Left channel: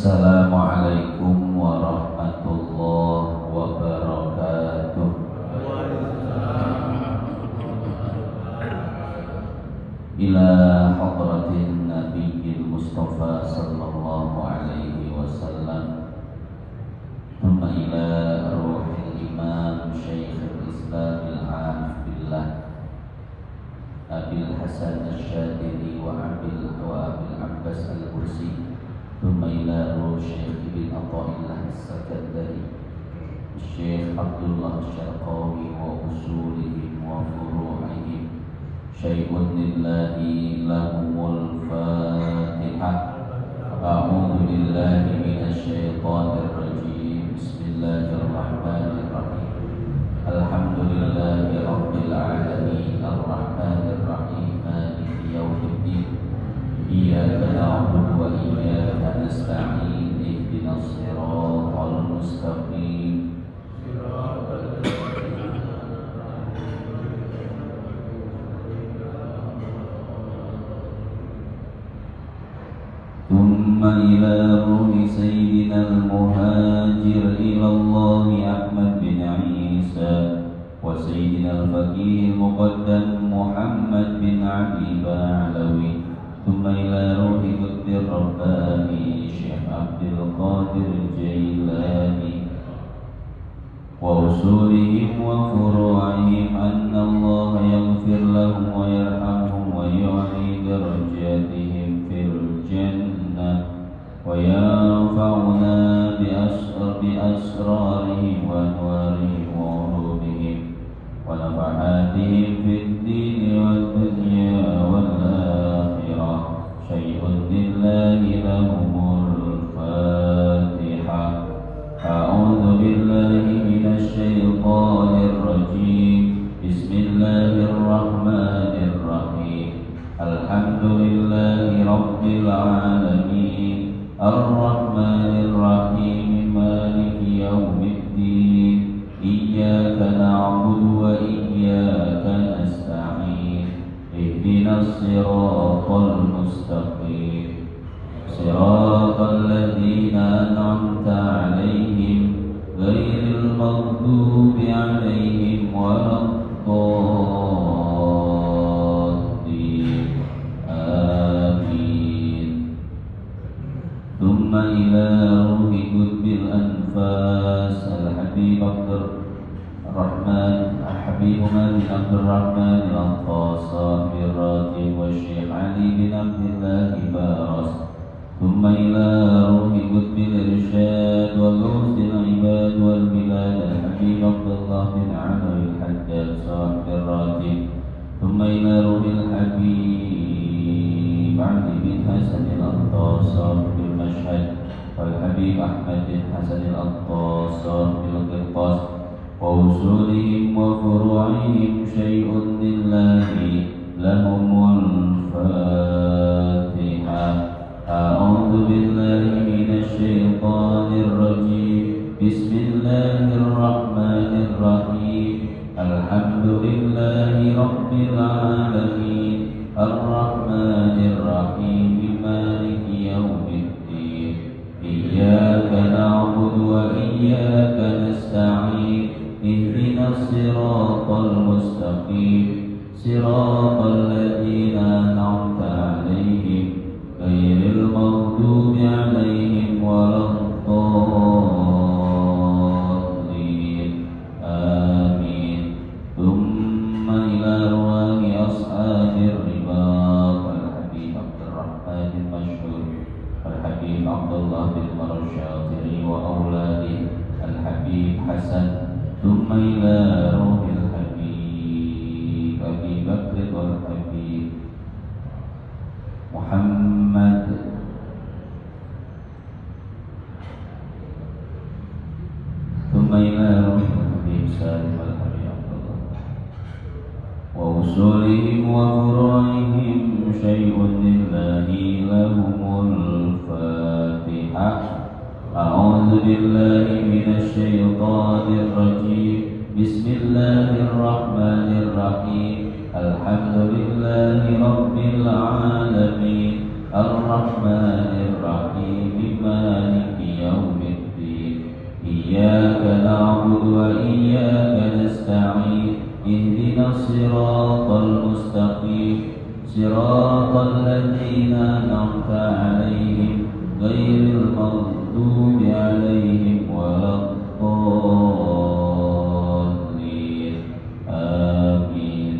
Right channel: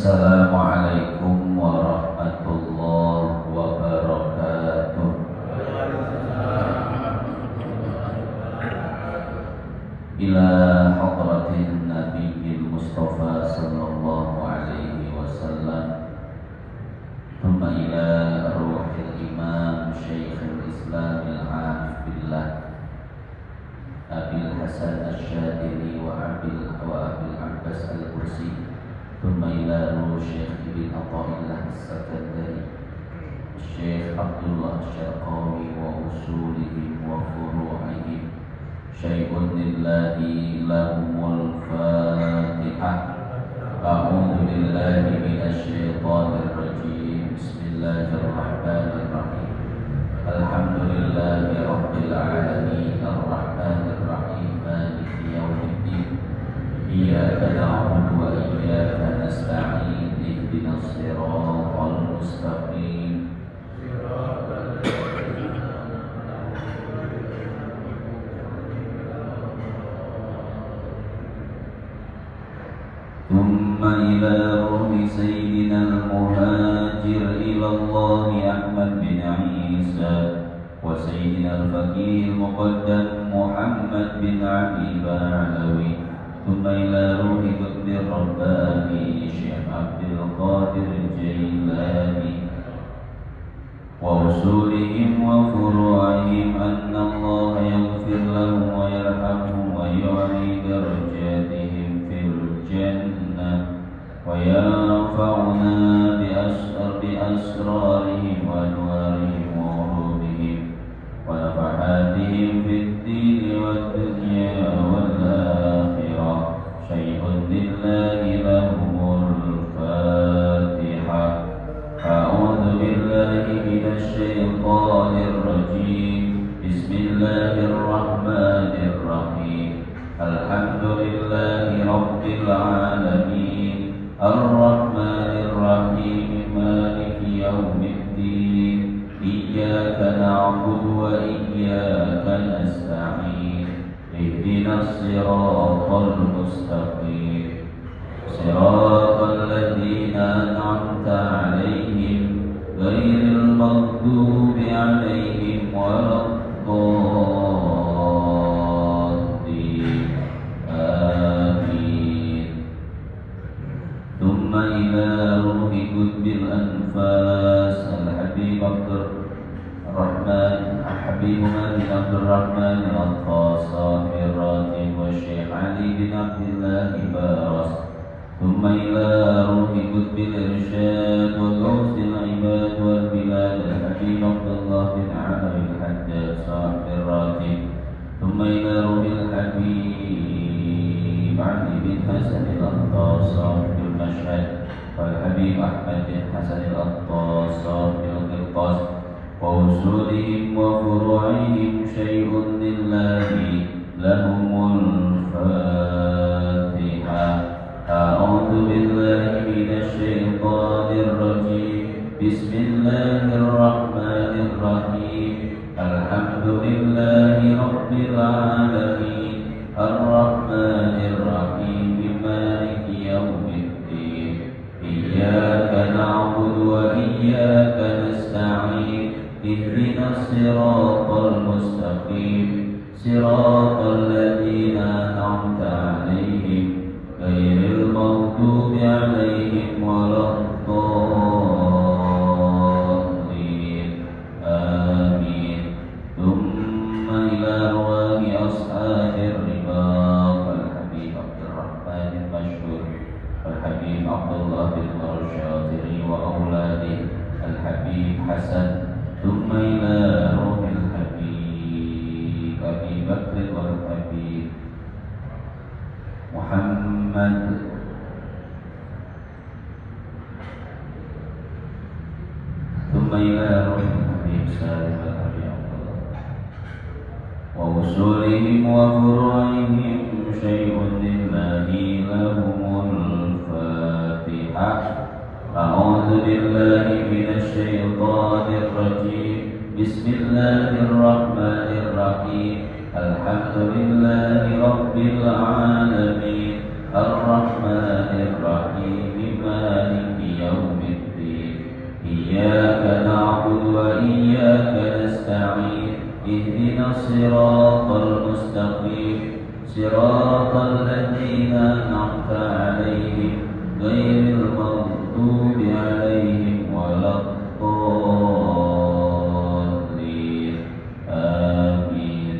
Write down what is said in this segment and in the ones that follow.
Assalamualaikum warahmatullahi wabarakatuh. Ila hadratin Nabiyil Mustafa sallallahu alaihi wasallam, thumma ila ruhil imam Syekhul Islam al-Arif billah Abil Hasan Asyadili wa Abil Abbas al-Bursi, thumma ila ruh Syekh Ibn Atha'illah as-Sakandari Syekh Abdullah Syarqawi wa usulihim wa furu'ihim syai'un lillahi lahumul fatihah. A'udhu billahi minasyaitanir rajim. Bismillahirrahmanirrahim. Alhamdulillahi rabbil alamin, arrahmanir rahim, maliki yaumiddin. Iyyaka na'budu wa iyyaka nasta'in, ihdinas siratal mustaqim. ثم إلى روح سيدنا المهاجر إلى الله أحمد بن عيسى وسيدنا الفقيه المقدم محمد بن عبد البعلوي، ثم إلى روح قطب الرباني شيخ عبد القادر الجيلاني وأصولهم وفروعهم، أن الله يغفر لهم ويرحمهم ويعلي درجاتهم في الجنة وينفعنا بأسرارهم وأنوارهم وعروضهم ونفحاتهم في الدين والدنيا والآخرة. شيء لله لهم الفاتحة. أعوذ بالله من الشيطان الرجيم. بسم الله الرحمن الرحيم. الحمد لله رب العالمين، الرحمن الرحيم، مالك يوم الدين. إياك نعبد وإياك نستعين، اهدنا الصراط المستقيم، صراط الذين أنعمت عليهم غير المغضوب عليهم ولا الضالين. آمين. ثم إلى روح قطب الأنفاس الحبيب عبد الرحمن عبد الرحمن الأطفال صاحب الراتب والشيخ علي بن عبد الله بارس، ثم إلى روح قطب الإرشاد والغوث العباد والبلاد الحبيب عبد الله بن علوي الحداد صاحب الراتب، ثم إلى روح الحبيب علي بن حسن الأطفال صاحب المشهد والحبيب أحمد بن حسن الأطفال صاحب القرطاس ووصولهم وفروعهم. شيء لله لهم الفاتحة. أعوذ بالله من الشيطان الرجيم. بسم الله الرحمن الرحيم. الحمد لله رب العالمين، الرحمن الرحيم، مالك يوم الدين. إياك نعبد وإياك نستعين، اهدنا الصراط المستقيم، صراط الذين أنعمت عليهم غير المغضوب عليهم ولا الضالين. آمين. ثم إلى أرواح أصحاب الرباط الحبيب عبد الرحمن المشهور الحبيب عبد الله بن الشاطري وأولاده الحبيب حسن، ثم إلى روح الحبيب أبي بكر والحبيب محمد، ثم إلى روح الحبيب سالم والحبيب عبد الله ووصولهم وفروعهم. شيء لله لهم الفاتحة. أعوذ بالله من الشيطان الرجيم. بسم الله الرحمن الرحيم. الحمد لله رب العالمين، الرحمن الرحيم، مالك صراط الذين أنعمت عليهم غير المغضوب عليهم ولا الضالين آمين.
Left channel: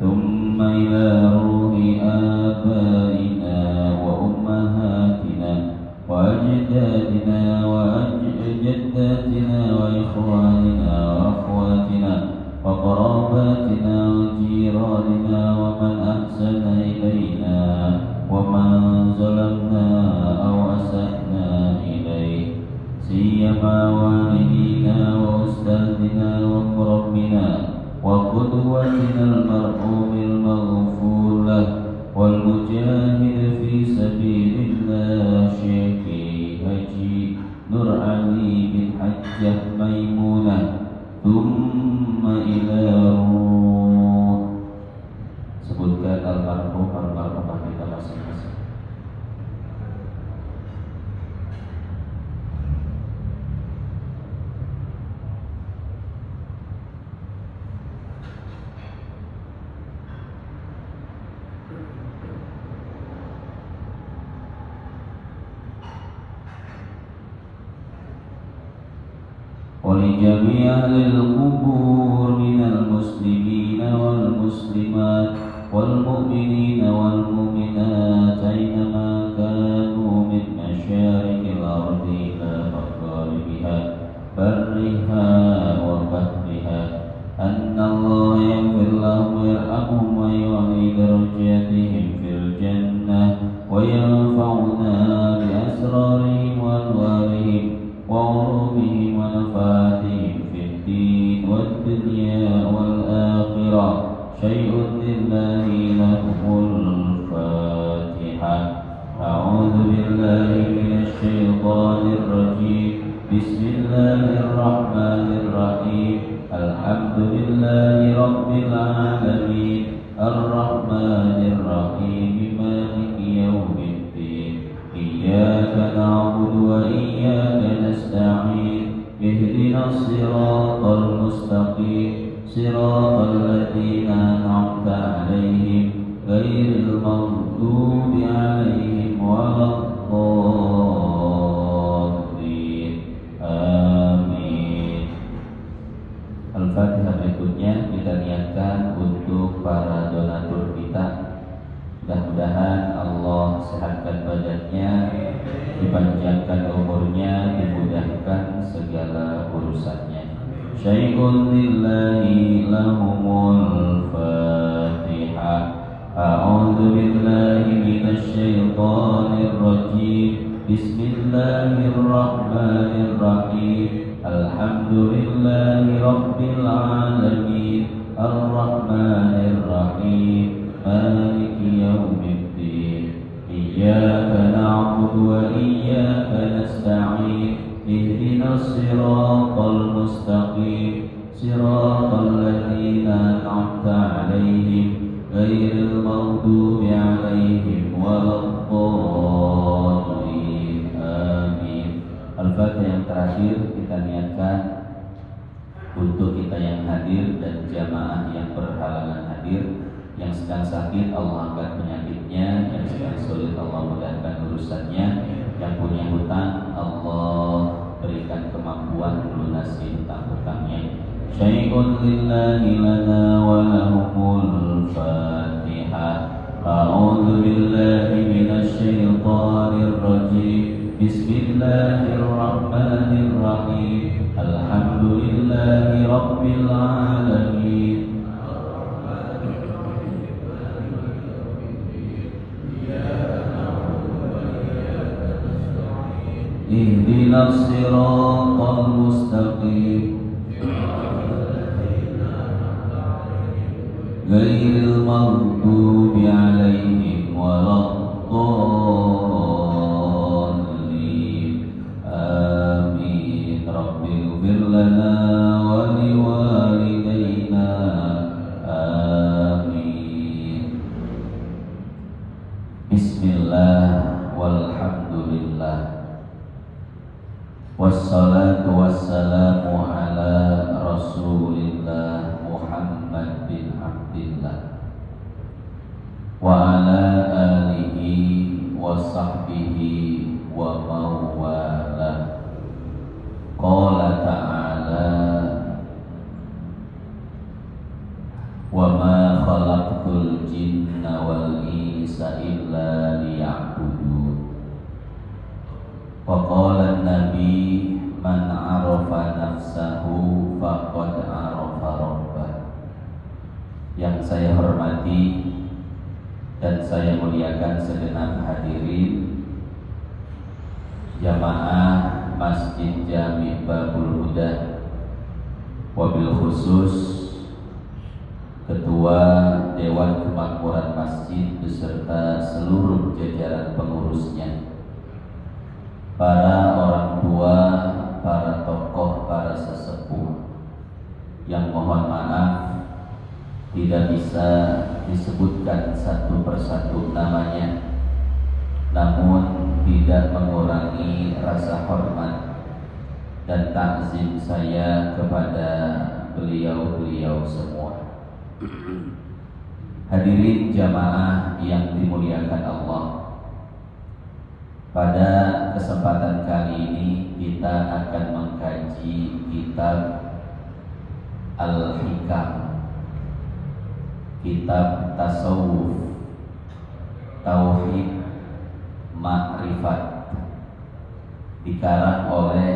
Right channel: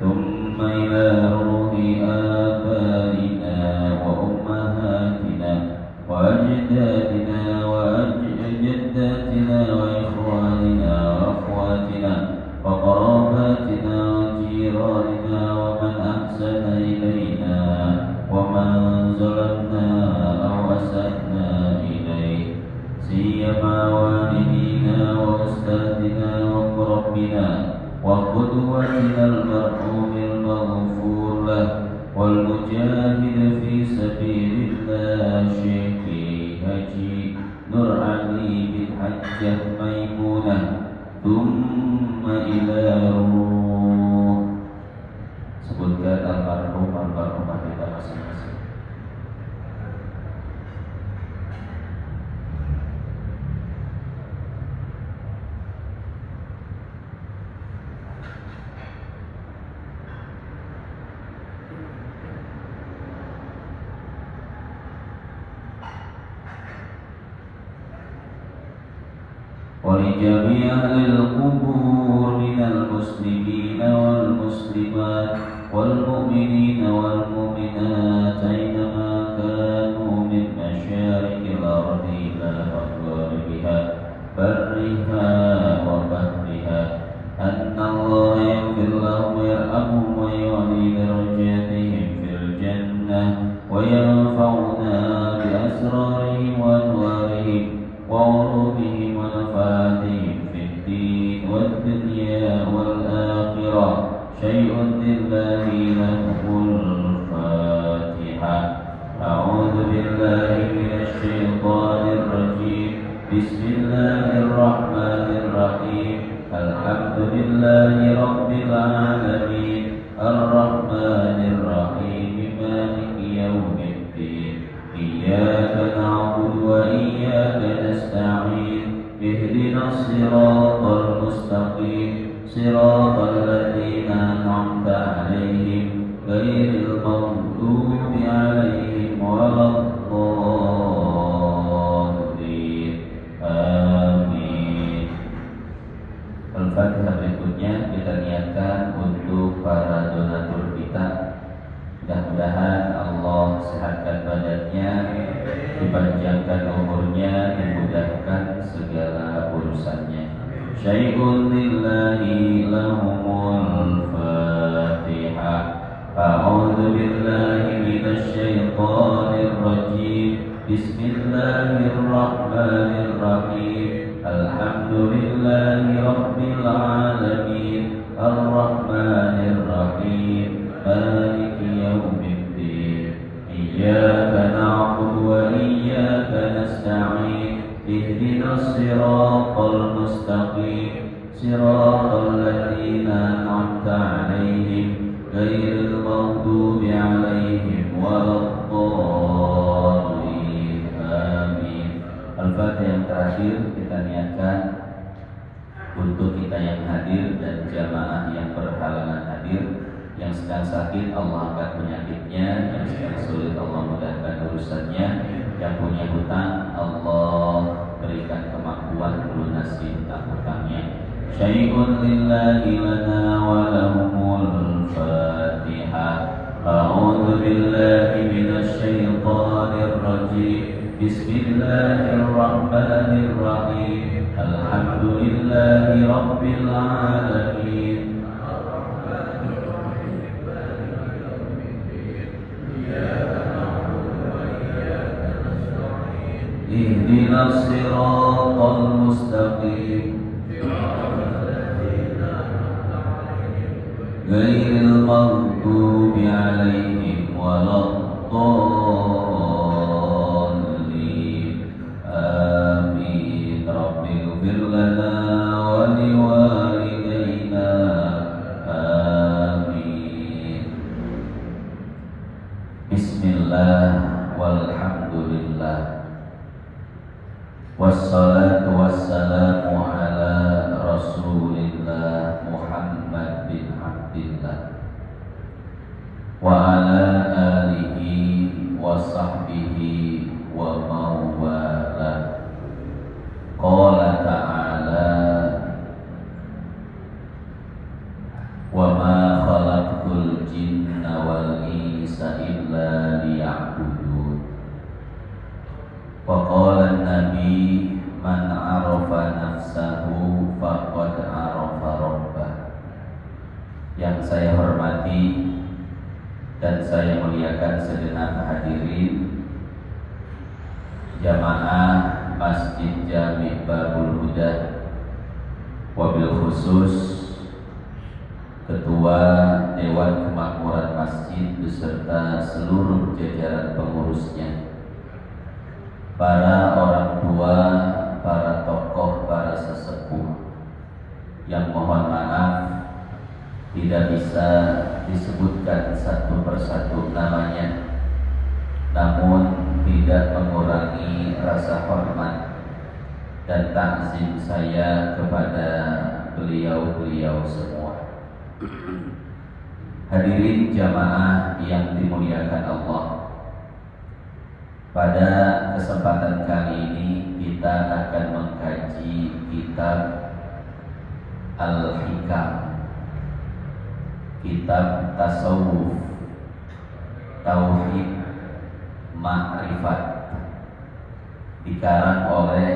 ثم إلى روح آبائنا وأمهاتنا وأجدادنا وجداتنا وإخواننا وأخواتنا وقراباتنا وجيراننا ومن أحسن إلينا ومن ظلمنا أو أسأنا إليه، سيما والدينا وأستاذنا ومربنا وقدوتنا المرحوم المغفور له والمجاهد في سبيل الله شيخ حجي نور علي بن حجة ميمونة. ثم إلى روح. Sebutkan almarhumah kita masing-masing. ولجميع أهل القبور من المسلمين والمسلمات والمؤمنين والمؤمنات أينما كانوا من مشارق الأرض إلى مغاربها برها وبحرها أن الله يغفر لهم ويرحمهم ويعلي درجاتهم في الجنة وينفعنا بأسرارهم وأنوارهم وعروضهم ونفعاتهم في الدين والدنيا والآخرة. شيء لله لهم الفاتحة. أعوذ بالله من الشيطان الرجيم. بسم الله الرحمن الرحيم. الحمد لله رب العالمين الرحمن الرحيم مالك يوم الدين. إياك نعبد وإياك نستعين. اهدنا الصراط المستقيم صراط الذين أنعمت عليهم غير المغضوب عليهم ولا الضالين آمين. Al-Fatihah. Berikutnya kita niatkan untuk para donatur kita. Mudah-mudahan Allah sehatkan badannya, dipanjangkan umurnya, dimudahkan segala urusannya. Syai'un lillahi lahumul fatihah. A'udzu billahi minasy syaithanir rajim. Bismillahirrahmanirrahim. Alhamdulillahi rabbil alamin arrahmanir rahim maliki yaumiddin. Iyyaka na'budu wa iyyaka nasta'in. Ihdinas siratal mustaqim siratal ladzina an'amta 'alaihim ghairil maghdubi 'alaihim waladdallin amin. Al-Fatihah. Yang terakhir kita niatkan untuk kita yang hadir dan jamaah yang berhalangan hadir. Yang sedang sakit Allah angkat penyakitnya, yang sedang sulit Allah mudahkan urusannya, yang punya hutang Allah berikan kemampuan melunasi hutang-hutangnya. Syai'un lillahi lana wa lahumul fatihah. A'udzu billahi minasy syaithanir rajim. Bismillahirrahmanirrahim. Alhamdulillahi rabbil alamin. Ihdinas siratal mustaqim ghairil maghdubi 'alaihim waladdallin amin. Rabbighfir lana wa liwalidayna amin. Bismillah walhamdulillah wassalatu wassalamu ala rasulillah Muhammad bin Abdillah Wa qala an-nabi man 'arafa nafsahu faqad 'arafa rabbah. Yang saya hormati dan saya muliakan segenap hadirin jamaah Masjid Jami' Babul Huda, wabil khusus Ketua Dewan Kemakmuran Masjid beserta seluruh jajaran pengurusnya, para orang tua, para tokoh, para sesepuh yang mohon maaf tidak bisa disebutkan satu persatu namanya, namun tidak mengurangi rasa hormat dan takzim saya kepada beliau-beliau semua. Hadirin jamaah yang dimuliakan Allah, pada kesempatan kali ini kita akan mengkaji kitab Al-Hikam, kitab tasawuf, tauhid, makrifat, dikarang oleh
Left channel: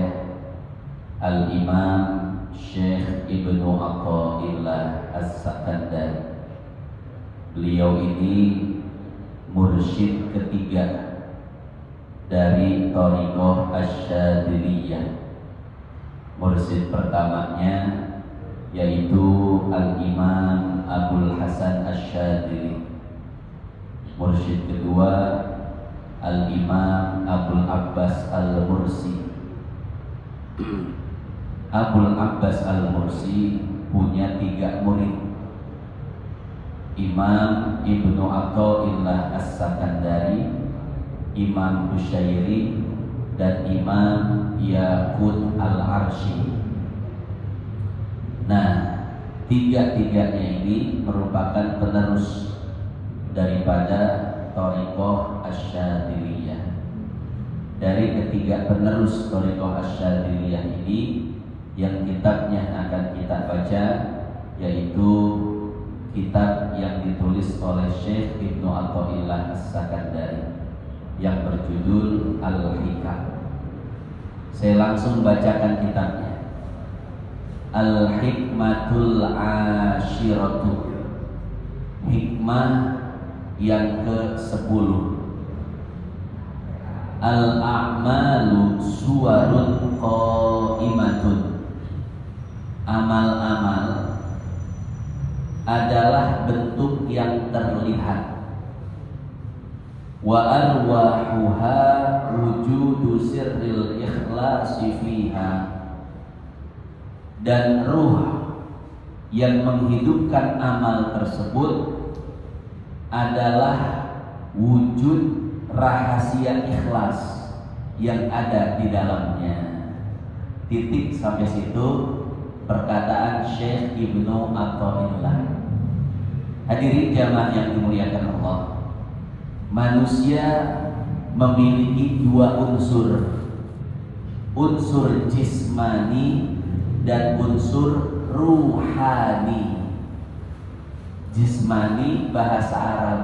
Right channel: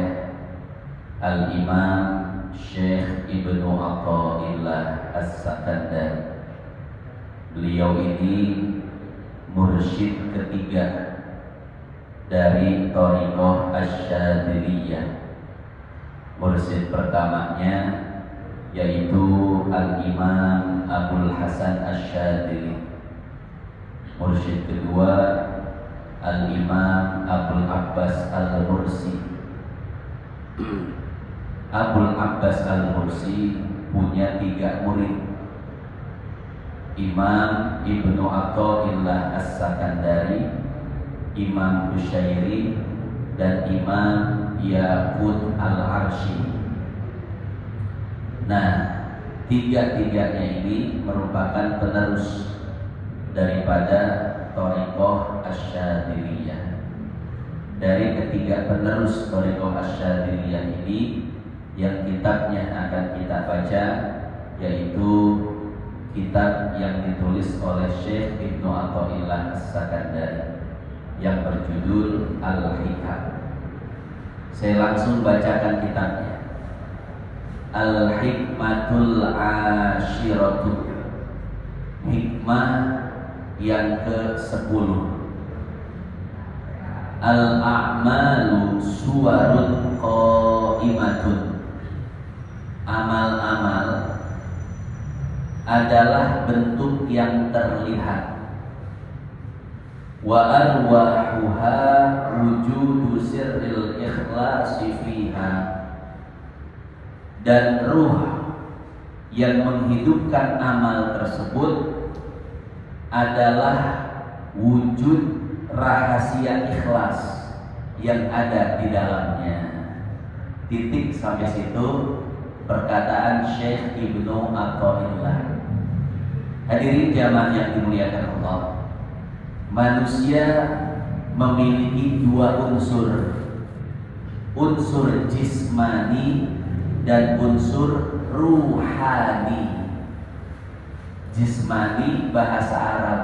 Al-Imam Syekh Ibnu Athaillah As-Sakandari. Beliau ini mursyid ketiga dari Thariqah Asy-Syadziliyah. Mursyid pertamanya yaitu Al-Imam Abdul Hasan Asy-Syadzili. Mursyid kedua Al-Imam Abdul Abbas Al-Mursi. Abdul Abbas Al-Mursi punya 3 murid, Imam Ibnu Athaillah As-Sakandari, Imam Busyairi, dan Imam Yaqut Al-Arsyi. Nah, tiga-tiganya ini merupakan penerus daripada Thariqah Asy-Syadziliyah. Dari ketiga penerus Thariqah Asy-Syadziliyah ini, yang kitabnya akan kita baca yaitu kitab yang ditulis oleh Syekh Ibnu Athaillah As-Sakandari yang berjudul Al-Hikam. Saya langsung bacakan kitabnya. Al-Hikmatul Ashiratu, hikmah yang ke-10. Al-a'malu suwarun qaimatun, amal-amal adalah bentuk yang terlihat. Wa arwahuha wujudu sirril ikhlasi fiha, dan ruh yang menghidupkan amal tersebut adalah wujud rahasia ikhlas yang ada di dalamnya. Titik sampai situ perkataan Syekh Ibnu Athaillah. Hadirin jamaah yang dimuliakan Allah, manusia memiliki 2 unsur, unsur jismani dan unsur ruhani. Jismani bahasa Arab,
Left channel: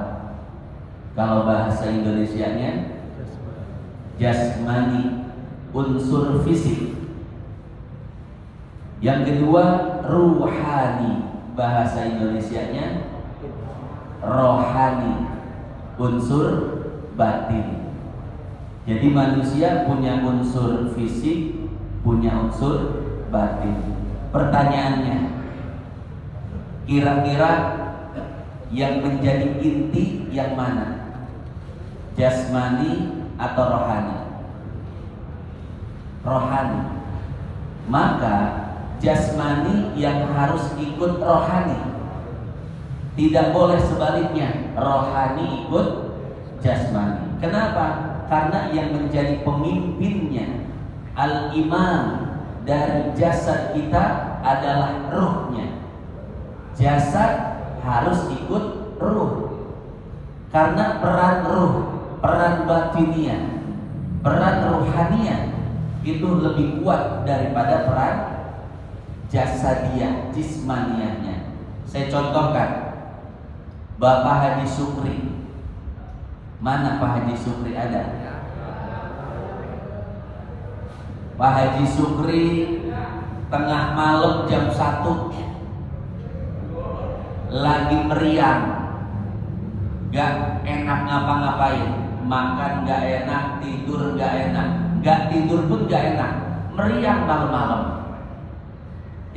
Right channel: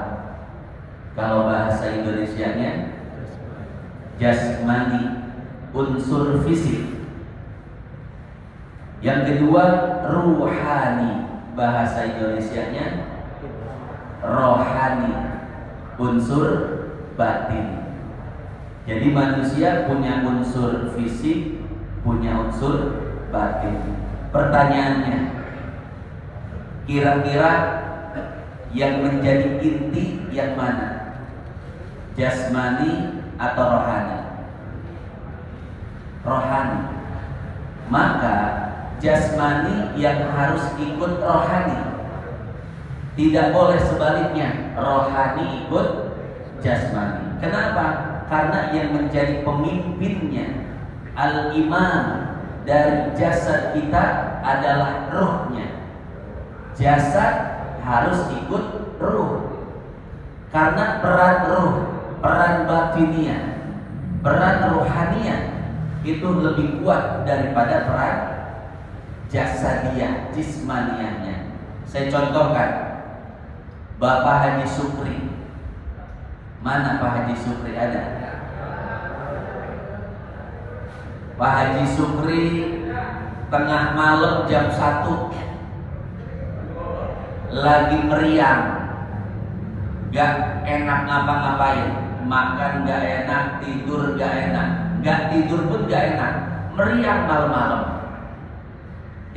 kalau bahasa Indonesianya jasmani, unsur fisik. Yang kedua ruhani, bahasa Indonesianya rohani, unsur batin. Jadi manusia punya unsur fisik, punya unsur batin. Pertanyaannya, kira-kira yang menjadi inti yang mana? Jasmani atau rohani? Rohani. Maka jasmani yang harus ikut rohani, tidak boleh sebaliknya, rohani ikut jasmani. Kenapa? Karena yang menjadi pemimpinnya, al-imam dari jasad kita adalah ruhnya. Jasad harus ikut ruh, karena peran ruh, peran batiniah, peran ruhaniyah itu lebih kuat daripada peran jasadiyah, jismaniyahnya. Saya contohkan, Bapak Haji Sukri. Mana Pak Haji Sukri ada? Pak Haji Sukri tengah malam jam 1 lagi meriang, gak enak ngapa-ngapain, makan gak enak, tidur gak enak, gak tidur pun gak enak, meriang malam-malam.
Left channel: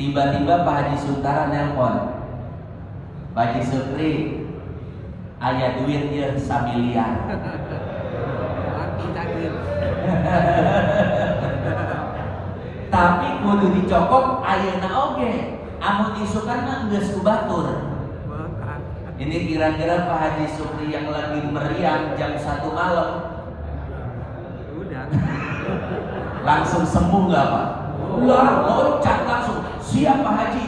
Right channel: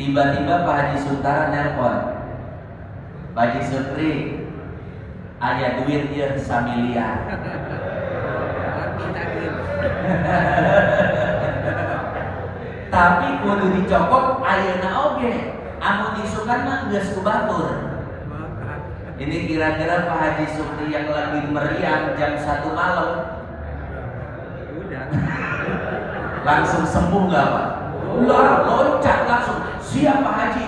Tiba-tiba Pak Haji Suntara nelpon, Pak Haji Sukri, aya duit ya samiliar. Tapi kudu dicokot ayeuna oge, anu isukan mah geus kubatur. Ini kira-kira Pak Haji Sukri yang lagi meriang jam 1 malam udah langsung sembuh nggak Pak? Loncat langsung, siap Pak Haji.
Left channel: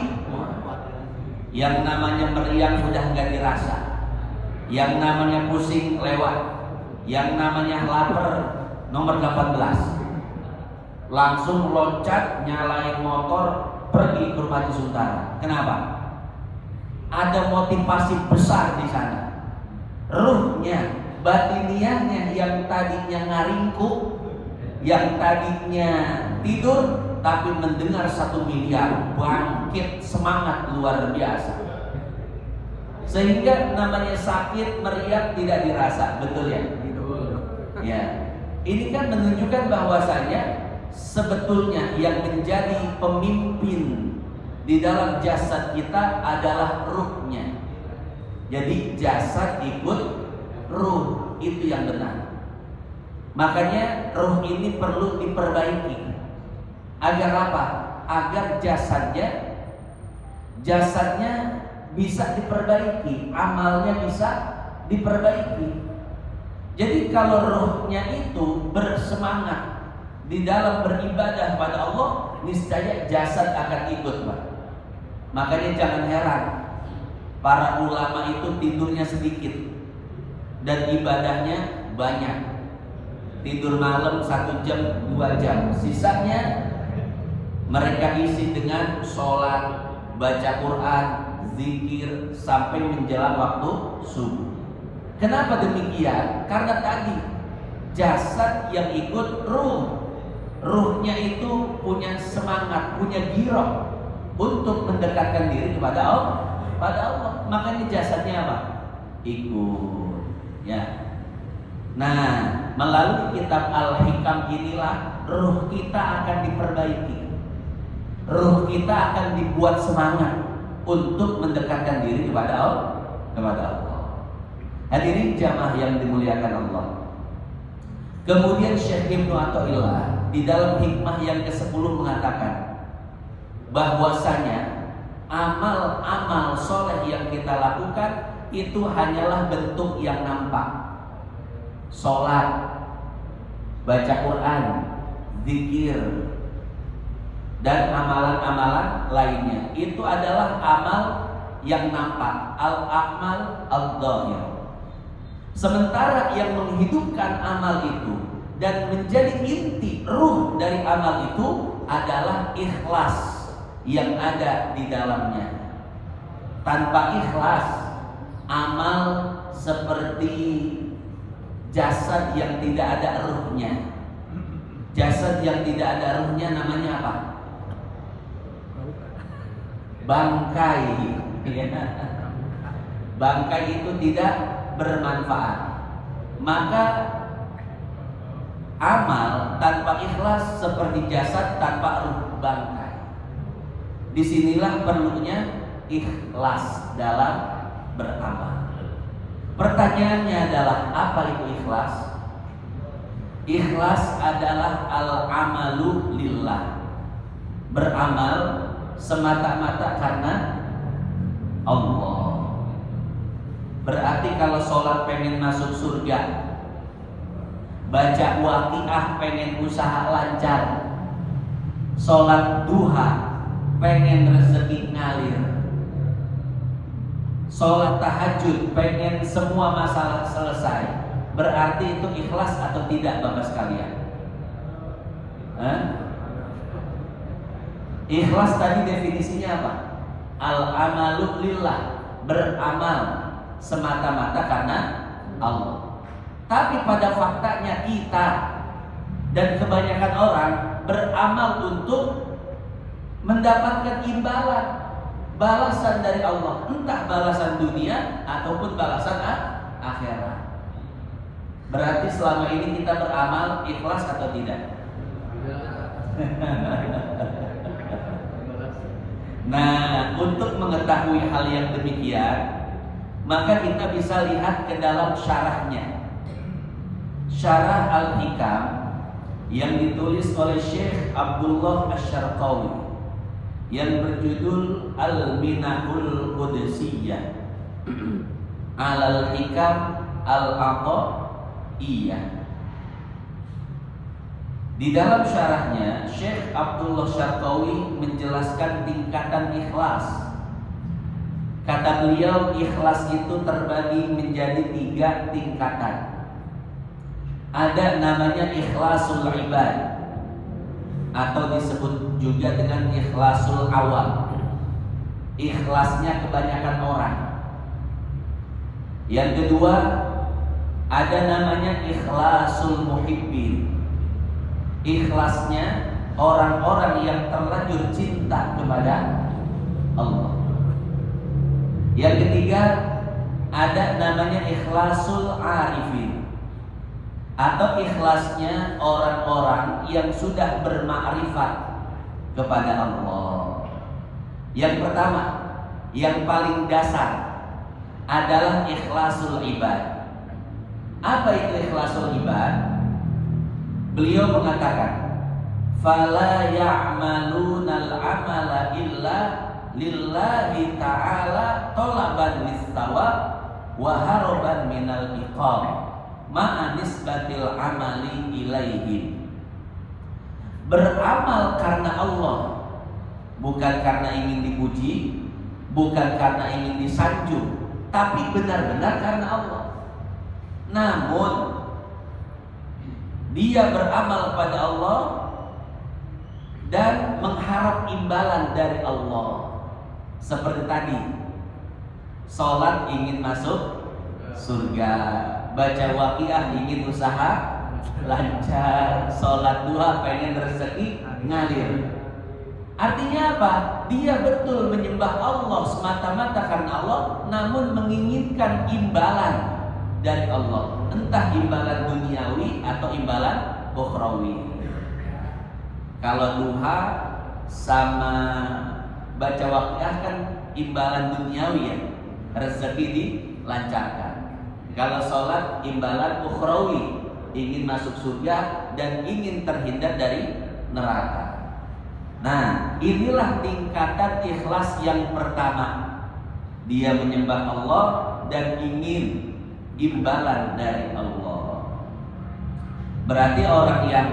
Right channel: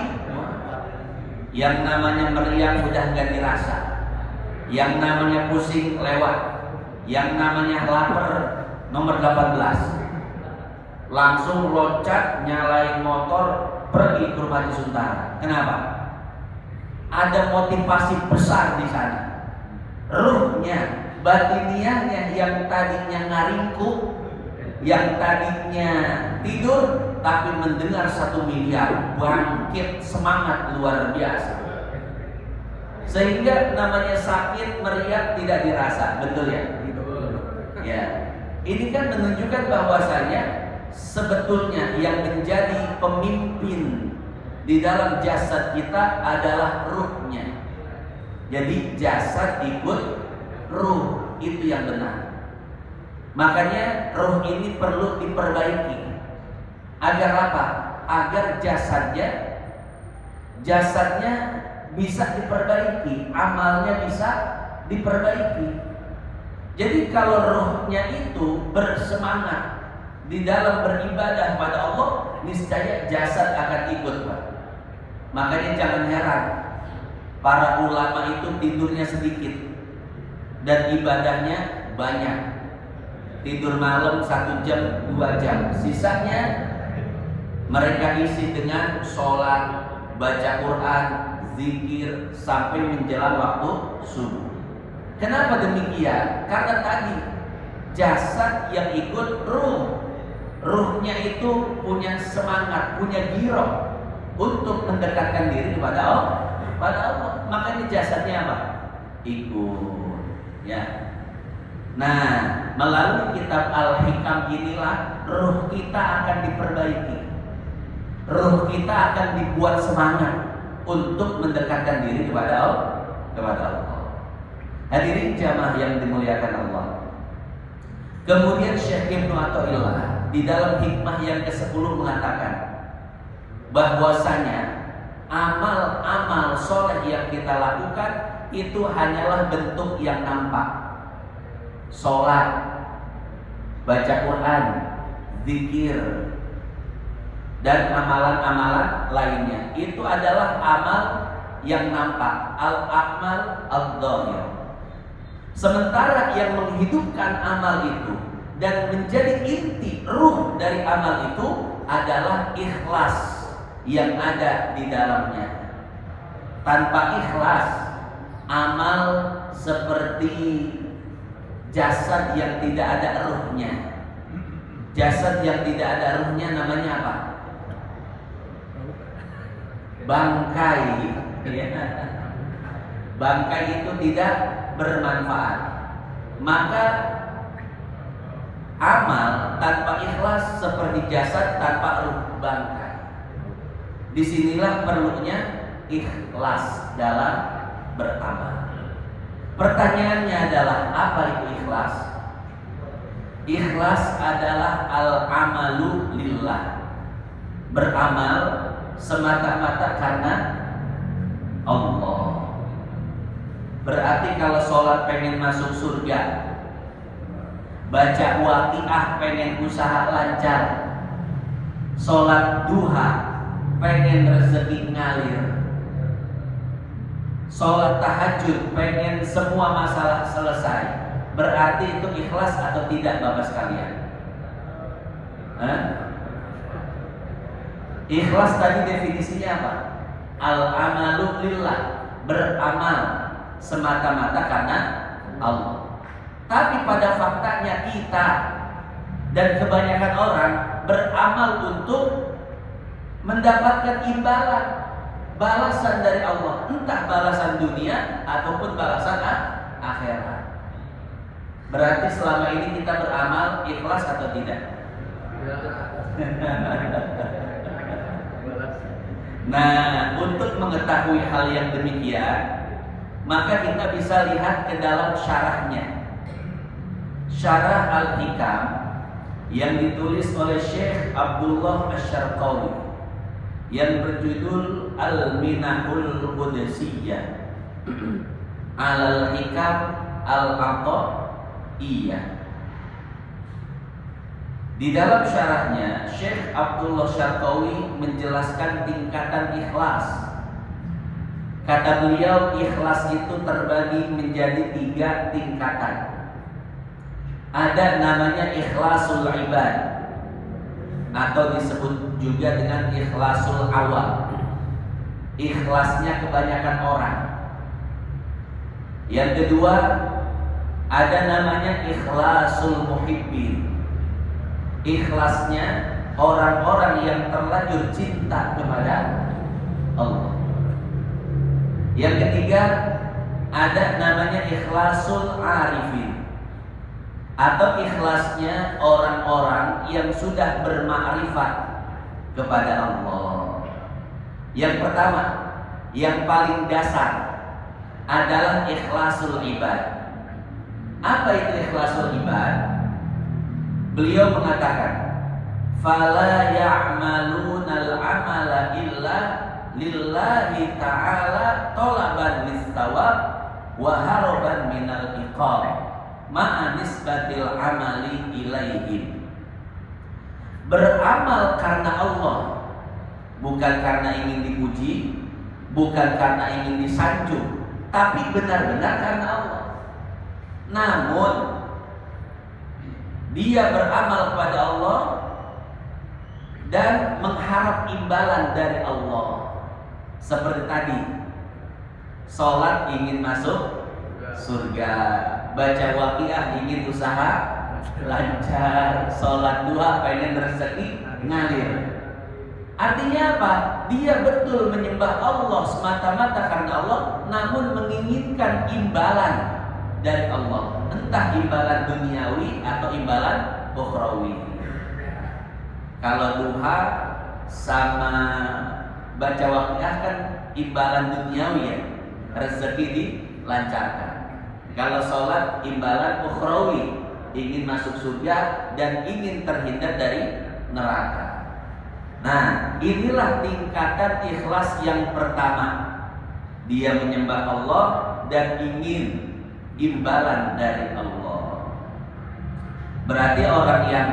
Yang namanya meriang udah nggak dirasa, yang namanya pusing lewat, yang namanya lapar nomor 18. Langsung loncat, nyalain motor, pergi ke rumah Haji Suntara. Kenapa? Ada motivasi besar di sana. Ruhnya, batiniahnya yang tadinya ngaringku, yang tadinya tidur, tapi mendengar 1 miliar, bangkit semangat luar biasa. Sehingga namanya sakit meriang tidak dirasa, betul ya? Ya, ini kan menunjukkan bahwasanya sebetulnya yang menjadi pemimpin di dalam jasad kita adalah ruhnya. Jadi jasad ikut ruh, itu yang benar. Makanya ruh ini perlu diperbaiki. Agar apa? Agar jasadnya bisa diperbaiki, amalnya bisa diperbaiki. Jadi kalau ruhnya itu bersemangat di dalam beribadah pada Allah, niscaya jasad akan ikut, Pak. Makanya jangan heran para ulama itu tidurnya sedikit dan ibadahnya banyak. Tidur malam 1 jam, 2 jam, sisanya mereka isi dengan sholat, baca Quran, zikir sampai menjelang waktu subuh. Kenapa demikian? Karena tadi jasad yang ikut ruh. Ruhnya itu punya semangat, punya giroh untuk mendekatkan diri kepada Allah. Makanya jasadnya apa? Ikut. Ya. Nah, melalui kitab Al-Hikam inilah ruh kita akan diperbaiki. Ruh kita akan dibuat semangat untuk mendekatkan diri kepada Allah. Hadirin jamaah yang dimuliakan Allah. Kemudian Syekh Ibnu Athaillah di dalam hikmah yang ke-10 mengatakan bahwasanya amal-amal soleh yang kita lakukan itu hanyalah bentuk yang nampak. Sholat, baca Quran, zikir, dan amalan-amalan lainnya, itu adalah amal yang nampak, al-a'mal al-dhahir. Sementara yang menghidupkan amal itu dan menjadi inti ruh dari amal itu adalah ikhlas yang ada di dalamnya. Tanpa ikhlas, amal seperti jasad yang tidak ada ruhnya. Jasad yang tidak ada ruhnya namanya apa? Bangkai. Bangkai itu tidak bermanfaat. Maka amal tanpa ikhlas seperti jasad tanpa ruh, bangkai. Disinilah perlunya ikhlas dalam beramal. Pertanyaannya adalah, apa itu ikhlas? Ikhlas adalah al-amalu lillah, beramal semata-mata karena Allah. Berarti kalau sholat pengen masuk surga, baca waqiah pengen usaha lancar, sholat duha pengen rezeki ngalir, sholat tahajud pengen semua masalah selesai, berarti itu ikhlas atau tidak Bapak sekalian? Ikhlas tadi definisinya apa? Al-amalu lillah, beramal semata-mata karena Allah. Tapi pada faktanya kita Dan kebanyakan orang beramal untuk mendapatkan imbalan, balasan dari Allah, entah balasan dunia ataupun balasan akhirat. Berarti selama ini kita beramal ikhlas atau tidak? Nah, untuk mengetahui hal yang demikian, maka kita bisa lihat ke dalam syarahnya. Syarah Al-Hikam yang ditulis oleh Syekh Abdullah Asy-Syarqawi yang berjudul Al-Minahul Qudsiyah Al-Hikam Al-Athaiyah. Di dalam syarahnya, Syekh Abdullah Syarqawi menjelaskan tingkatan ikhlas. Kata beliau, ikhlas itu terbagi menjadi 3 tingkatan. Ada namanya ikhlasul ibad, atau disebut juga dengan ikhlasul awam. Ikhlasnya kebanyakan orang. Yang kedua, ada namanya ikhlasul muhibbin. Ikhlasnya orang-orang yang terlanjur cinta kepada Allah. Yang ketiga, ada namanya ikhlasul arifin, atau ikhlasnya orang-orang yang sudah bermakrifat kepada Allah. Yang pertama, yang paling dasar adalah ikhlasul ibad. Apa itu ikhlasul ibad? Beliau mengatakan, "Fala ya'malunal amala illa lillahi ta'ala talaban lis-thawab wa haraban minal iqam ma'a nisbatil amali ilaihim." Beramal karena Allah, bukan karena ingin dipuji, bukan karena ingin disanjung, tapi benar-benar karena Allah. Namun dia beramal kepada Allah dan mengharap imbalan dari Allah. Seperti tadi, sholat ingin masuk surga, baca waqiah ingin usaha lancar, sholat duha pengen rezeki ngalir. Artinya apa? Dia betul menyembah Allah semata-mata karena Allah, namun menginginkan imbalan dari Allah, entah imbalan duniawi atau imbalan ukhrawi. Kalau duha sama baca waqiah kan imbalan duniawi ya, rezeki dilancarkan. Kalau sholat imbalan ukhrawi, ingin masuk surga dan ingin terhindar dari neraka. Nah, inilah tingkatan ikhlas yang pertama. Dia menyembah Allah dan ingin imbalan dari Allah. Berarti orang yang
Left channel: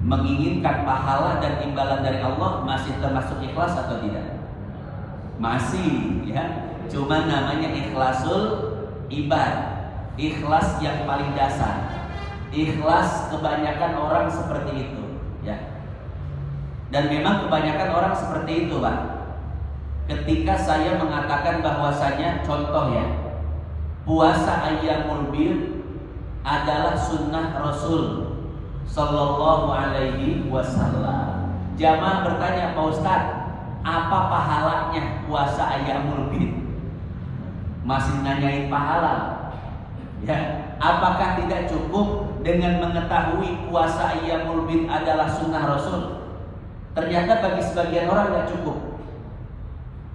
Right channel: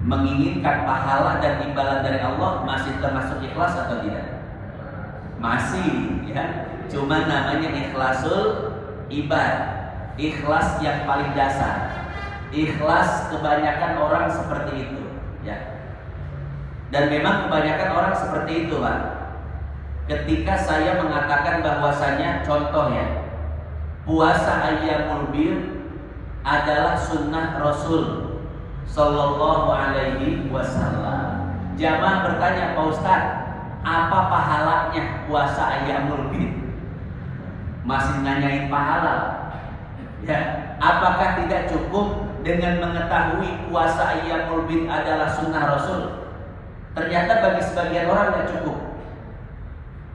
menginginkan pahala dan imbalan dari Allah masih termasuk ikhlas atau tidak? Masih, ya. Cuma namanya ikhlasul ibad, ikhlas yang paling dasar. Ikhlas kebanyakan orang seperti itu, ya. Dan memang kebanyakan orang seperti itu, Pak. Ketika saya mengatakan bahwasanya, contoh ya, puasa Ayyamul Bid adalah sunnah Rasul Sallallahu Alaihi Wasallam. Jamaah bertanya, Pak Ustadz, apa pahalanya puasa Ayyamul Bid? Masih nanyain pahala, ya? Apakah tidak cukup dengan mengetahui puasa Ayyamul Bid adalah sunnah Rasul? Ternyata bagi sebagian orang tidak cukup.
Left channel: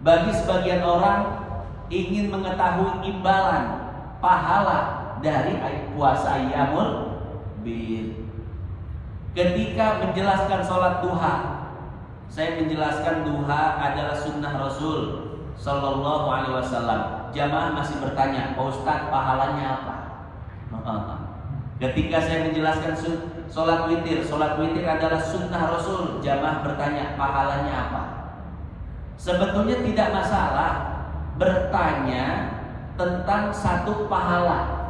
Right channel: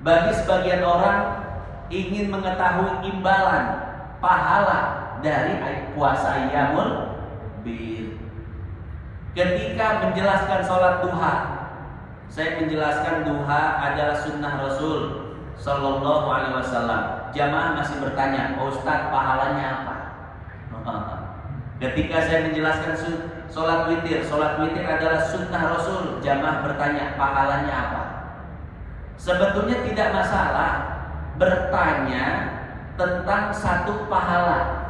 Bagi sebagian orang ingin mengetahui imbalan pahala dari puasa Ayyamul Bid. Ketika menjelaskan sholat duha, saya menjelaskan duha adalah sunnah Rasul Sallallahu Alaihi Wasallam. Jamaah masih bertanya, Pak Ustadz, pahalanya apa? Ketika saya menjelaskan sholat witir adalah sunnah Rasul, jamaah bertanya, pahalanya apa? Sebetulnya tidak masalah bertanya tentang satu pahala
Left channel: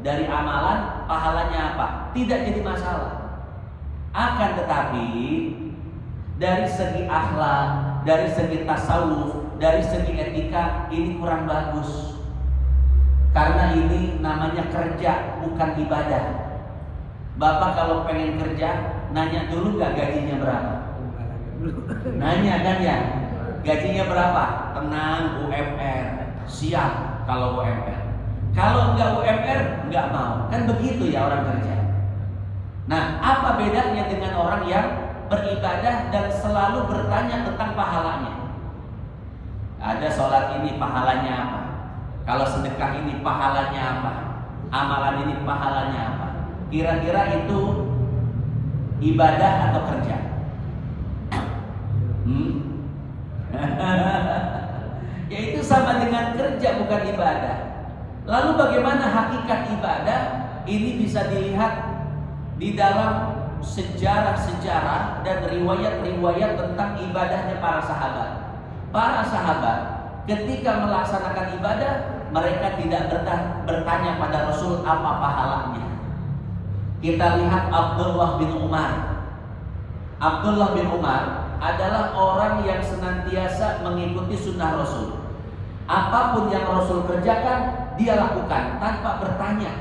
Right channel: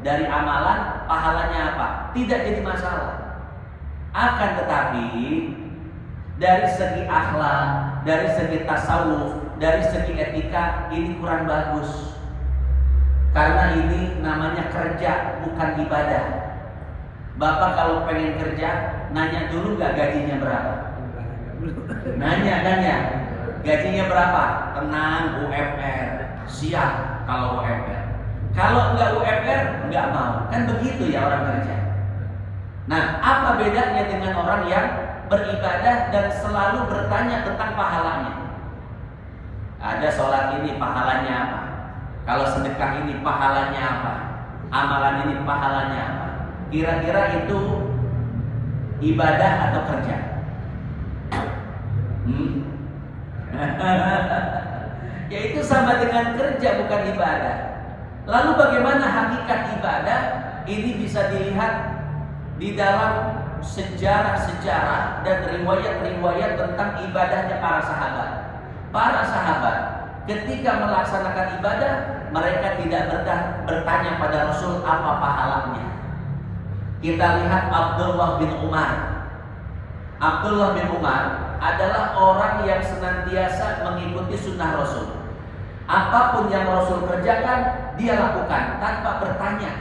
dari amalan, pahalanya apa? Tidak jadi masalah. Akan tetapi dari segi akhlak, dari segi tasawuf, dari segi etika, ini kurang bagus. Karena ini namanya kerja, bukan ibadah. Bapak kalau pengen kerja, nanya dulu nggak gajinya berapa? Nanya kan ya, gajinya berapa? Tenang, UMR, siap kalau UMR. Kalau nggak UMR, nggak mau. Kan begitu ya orang kerja. Nah, apa bedanya dengan orang yang beribadah dan selalu bertanya tentang pahalanya? Ada sholat ini pahalanya apa? Kalau sedekah ini pahalanya apa? Amalan ini pahalanya apa? Kira-kira itu ibadah atau kerja? Ya itu sama dengan kerja, bukan ibadah. Lalu bagaimana hakikat ibadah? Ini bisa dilihat di dalam sejarah-sejarah dan riwayat-riwayat tentang ibadahnya para sahabat. Para sahabat ketika melaksanakan ibadah, mereka tidak bertanya pada Rasul apa pahalanya. Kita lihat Abdullah bin Umar. Abdullah bin Umar adalah orang yang senantiasa mengikuti sunnah Rasul. Apapun yang Rasul kerjakan, dia lakukan tanpa bertanya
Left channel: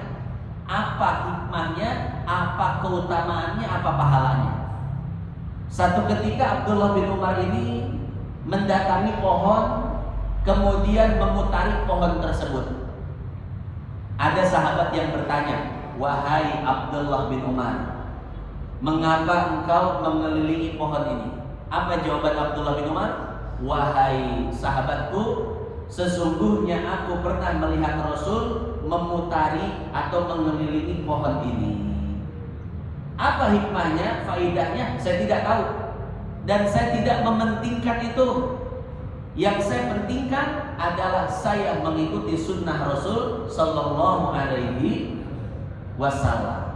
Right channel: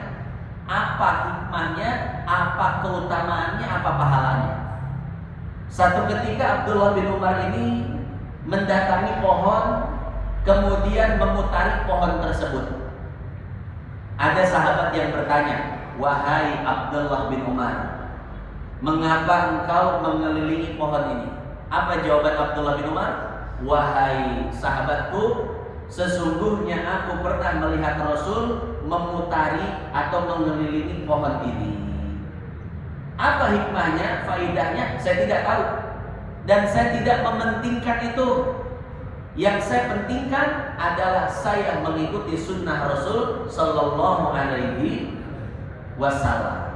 apa hikmahnya, apa keutamaannya, apa pahalanya. Satu ketika Abdullah bin Umar ini mendatangi pohon, kemudian memutari pohon tersebut. Ada sahabat yang bertanya, "Wahai Abdullah bin Umar, mengapa engkau mengelilingi pohon ini?" Apa jawaban Abdullah bin Umar? "Wahai sahabatku, sesungguhnya aku pernah melihat Rasul memutari atau mengelilingi pohon ini. Apa hikmahnya, faidahnya, saya tidak tahu. Dan saya tidak mementingkan itu. Yang saya pentingkan adalah saya mengikuti sunnah Rasul Sallallahu Alaihi Wasallam."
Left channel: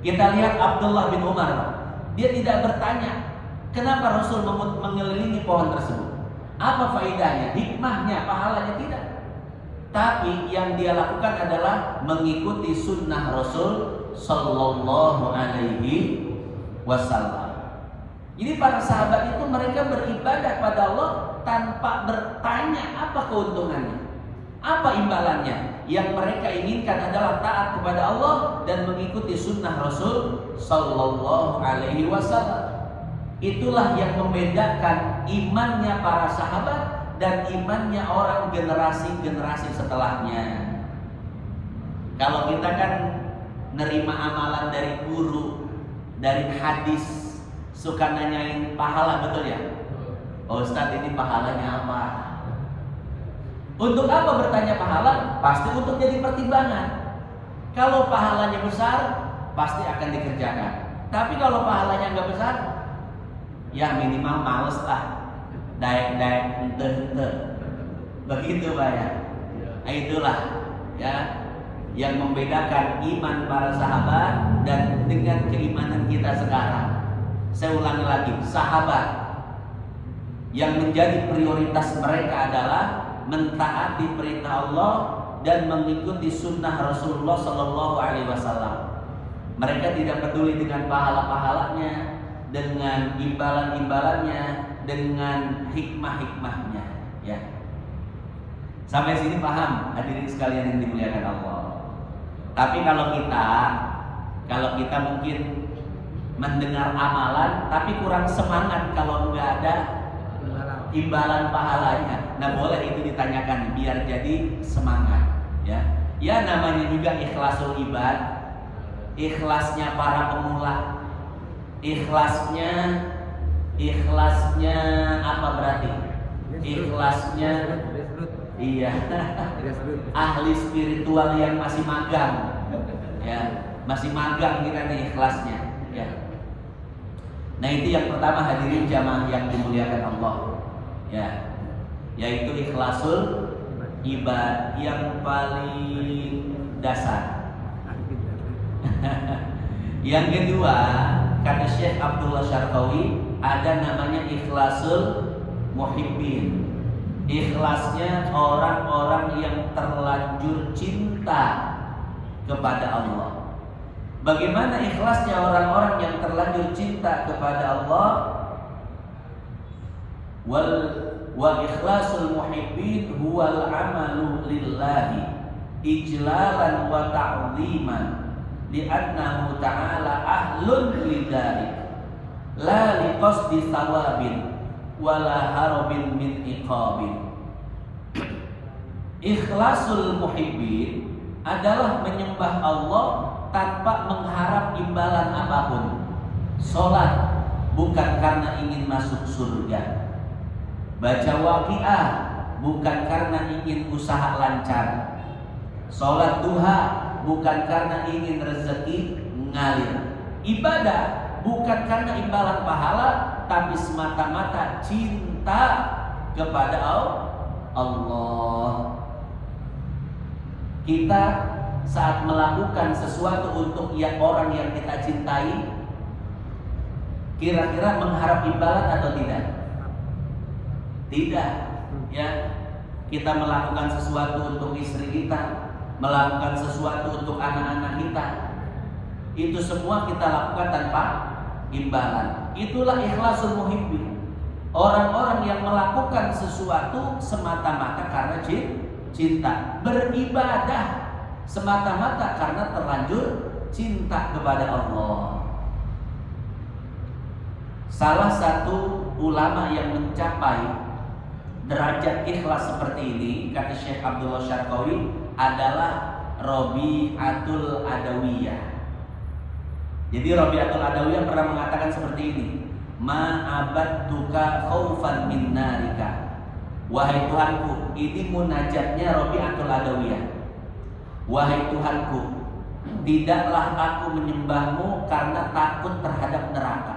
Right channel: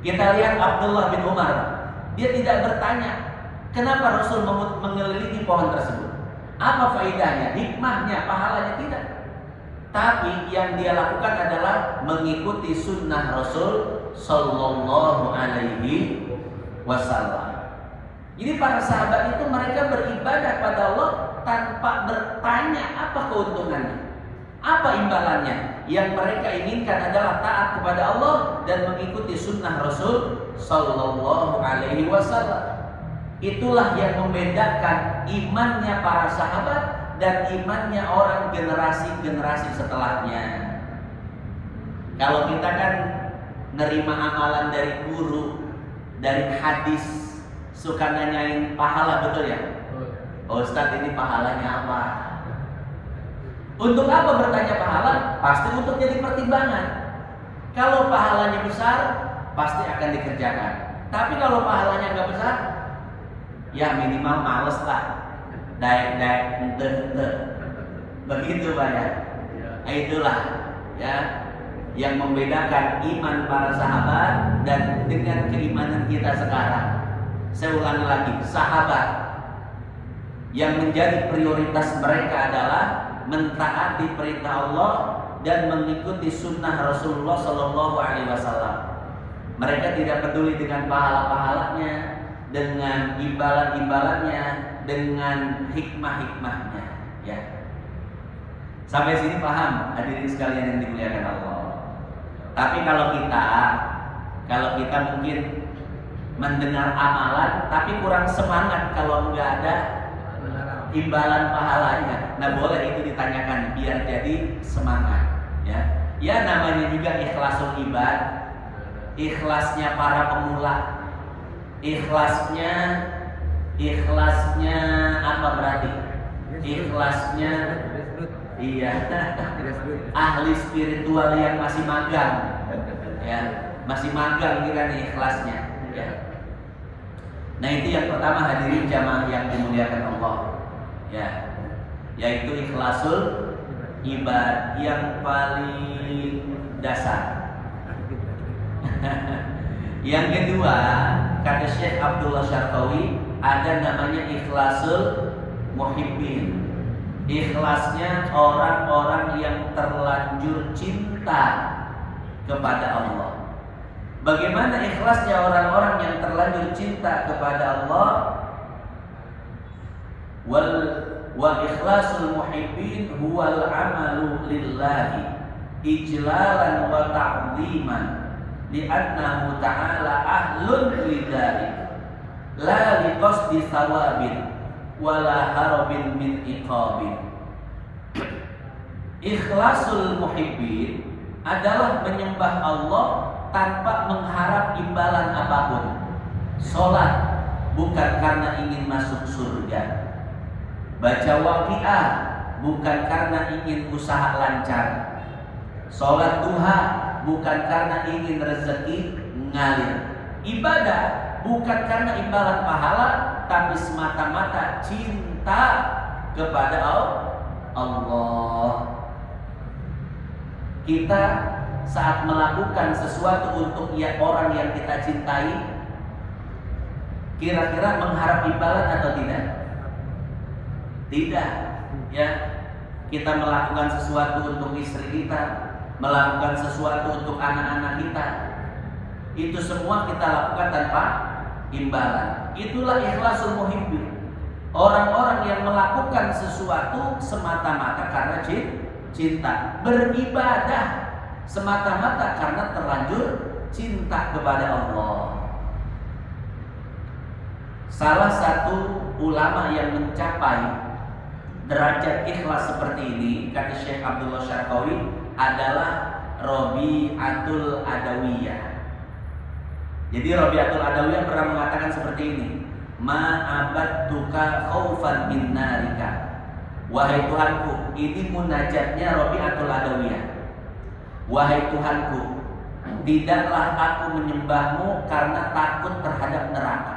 Kita lihat Abdullah bin Umar. Dia tidak bertanya kenapa Rasul mengelilingi pohon tersebut, apa faedahnya, hikmahnya, pahalanya, tidak. Tapi yang dia lakukan adalah mengikuti sunnah Rasul Sallallahu Alaihi Wasallam. Jadi para sahabat itu mereka beribadah pada Allah tanpa bertanya apa keuntungannya, apa imbalannya. Yang mereka inginkan adalah taat kepada Allah dan mengikuti sunnah Rasul Sallallahu Alaihi Wasallam. Itulah yang membedakan imannya para sahabat dan imannya orang generasi-generasi setelahnya. Kalau kita kan nerima amalan dari guru, dari hadis, suka nanyain pahala, betul ya? Oh, Ustadz, ini pahalanya apa? Untuk apa bertanya pahala? Pasti untuk jadi pertimbangan. Kalau pahalanya besar, pasti akan dikerjakan. Tapi kalau pahalanya nggak besar, ya minimal males lah, daek begitu Pak ya. Itulah ya yang membedakan iman para sahabat dan dengan keimanan kita sekarang. Saya ulangi lagi, sahabat yang menjadi prioritas mereka adalah mentaati perintah Allah dan mengikuti sunnah Rasulullah Sallallahu Alaihi Wasallam. Mereka tidak peduli dengan pahala-pahalanya, dengan imbalan-imbalannya, dengan hikmah-hikmahnya, ya. Sampai sini paham, hadirin sekalian yang dimuliakan Allah. Tapi kalau kita mungkin mendengar amalan, tapi kurang semangat kalau nggak ada imbalan pahalanya. Nah, boleh itu ditanyakan biar jadi semangat, ya. Ya namanya juga ikhlasul ibad, ikhlasnya para pemula. Ikhlasnya apa berarti? Ikhlasnya iya. Ahli spiritual yang masih magang, ya, masih magang kita nih ikhlasnya, ya. Nah, itu yang pertama hadirin jamaah yang dimuliakan Allah, ya, yaitu ikhlasul ibad yang paling dasar. Yang kedua, kata Syekh Abdullah Syarqawi, ada namanya ikhlasul muhibbin. Ikhlasnya orang-orang yang terlanjur cinta kepada Allah. Bagaimana ikhlasnya orang-orang yang terlanjur cinta kepada Allah? Wa ikhlasul muhibbin huwal amalu lillahi ijlalan wa ta'ziman li'annahu ta'ala ahlun lidzalik la liqasdi thawabin wala harabin min iqabin. Ikhlasul muhibbin adalah menyembah Allah tanpa mengharap imbalan apapun. Salat bukan karena ingin masuk surga. Baca Waqiah bukan karena ingin usaha lancar. Salat duha bukan karena ingin rezeki ngalir. Ibadah bukan karena imbalan pahala, tapi semata-mata cinta kepada Allah. Kita saat melakukan sesuatu untuk orang yang kita cintai, kira-kira mengharap imbalan atau tidak? Tidak. Ya, kita melakukan sesuatu untuk istri kita, melakukan sesuatu untuk anak-anak kita, itu semua kita lakukan tanpa imbalan. Itulah ikhlasul muhibbin. Orang-orang yang melakukan sesuatu semata-mata karena cinta, beribadah semata-mata karena terlanjur cinta kepada Allah. Salah satu ulama yang mencapai derajat ikhlas seperti ini, kata Syekh Abdullah Syarqawi, adalah Rabi'atul Adawiyah. Jadi Rabi'atul Adawiyah pernah mengatakan seperti ini, ma'abadtuka khaufan min narika. Wahai Tuhanku, ini munajatnya Rabi'atul Adawiyah. Wahai Tuhanku, tidaklah aku menyembahmu karena takut terhadap neraka.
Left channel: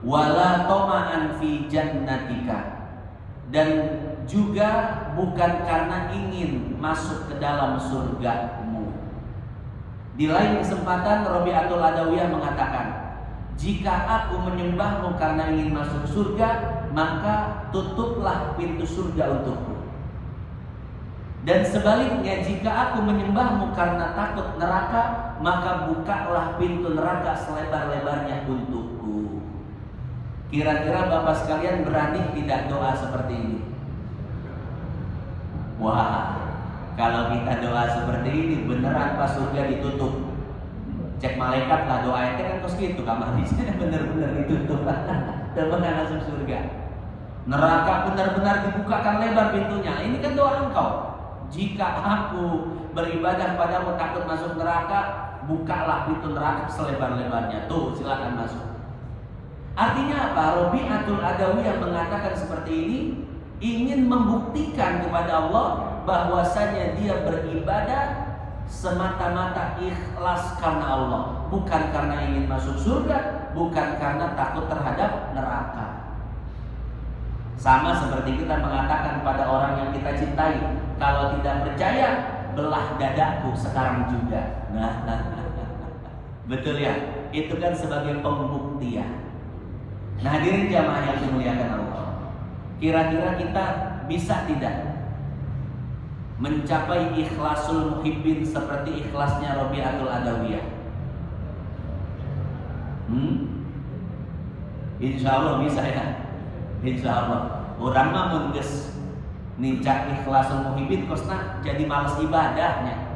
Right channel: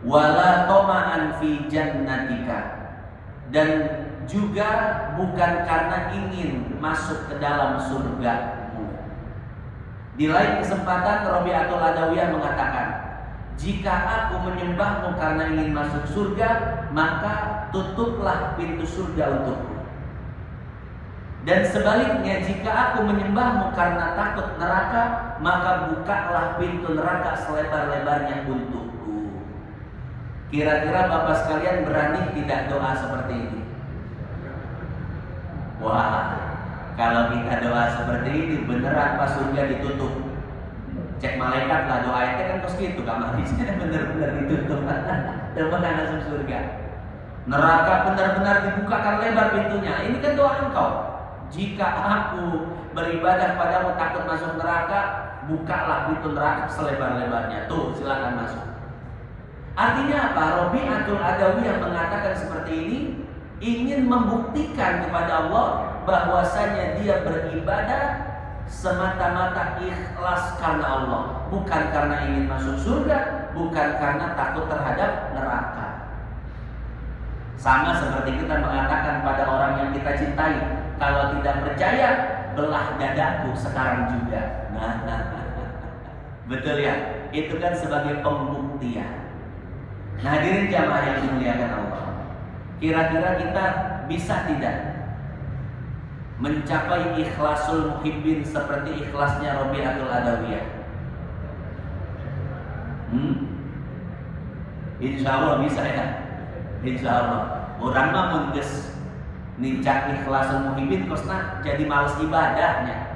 Wala toma'an fi jannatika, dan juga bukan karena ingin masuk ke dalam surgamu. Di lain kesempatan Rabi'atul Adawiyah mengatakan, jika aku menyembahmu karena ingin masuk surga, maka tutuplah pintu surga untukku. Dan sebaliknya, jika aku menyembahmu karena takut neraka, maka bukalah pintu neraka selebar-lebarnya untukku. Kira-kira Bapak sekalian berani tidak doa seperti ini? Wah, kalau kita doa seperti ini beneran pas surga ditutup. Cek malaikat lah, doa itu kan terus gitu kamarnya bener-bener ditutup dan menang masuk surga. Neraka benar-benar dibukakan lebar pintunya. Ini kan doa engkau. Jika aku beribadah padamu takut masuk neraka, bukalah pintu neraka selebar-lebarnya. Tuh, silakan masuk. Artinya apa? Rabi'atul Adawiyah mengatakan seperti ini, ingin membuktikan kepada Allah bahwasanya dia beribadah semata-mata ikhlas karena Allah, bukan karena ingin masuk surga, bukan karena takut terhadap neraka. Sama seperti kita mengatakan pada orang yang kita cintai, kalau tidak percaya, belah dadaku sekarang juga. Nah. Betul ya? Itu kan sebagai pembuktian. Nah, hadirin jamaah yang dimuliakan Allah, kira-kira kita bisa tidak mencapai ikhlasul muhibbin seperti ikhlasnya Rabi'atul Adawiyah? Insya Allah bisa ya. Insya Allah. Orang mah mengges nincak ikhlasul muhibbin kosna jadi males ibadahnya.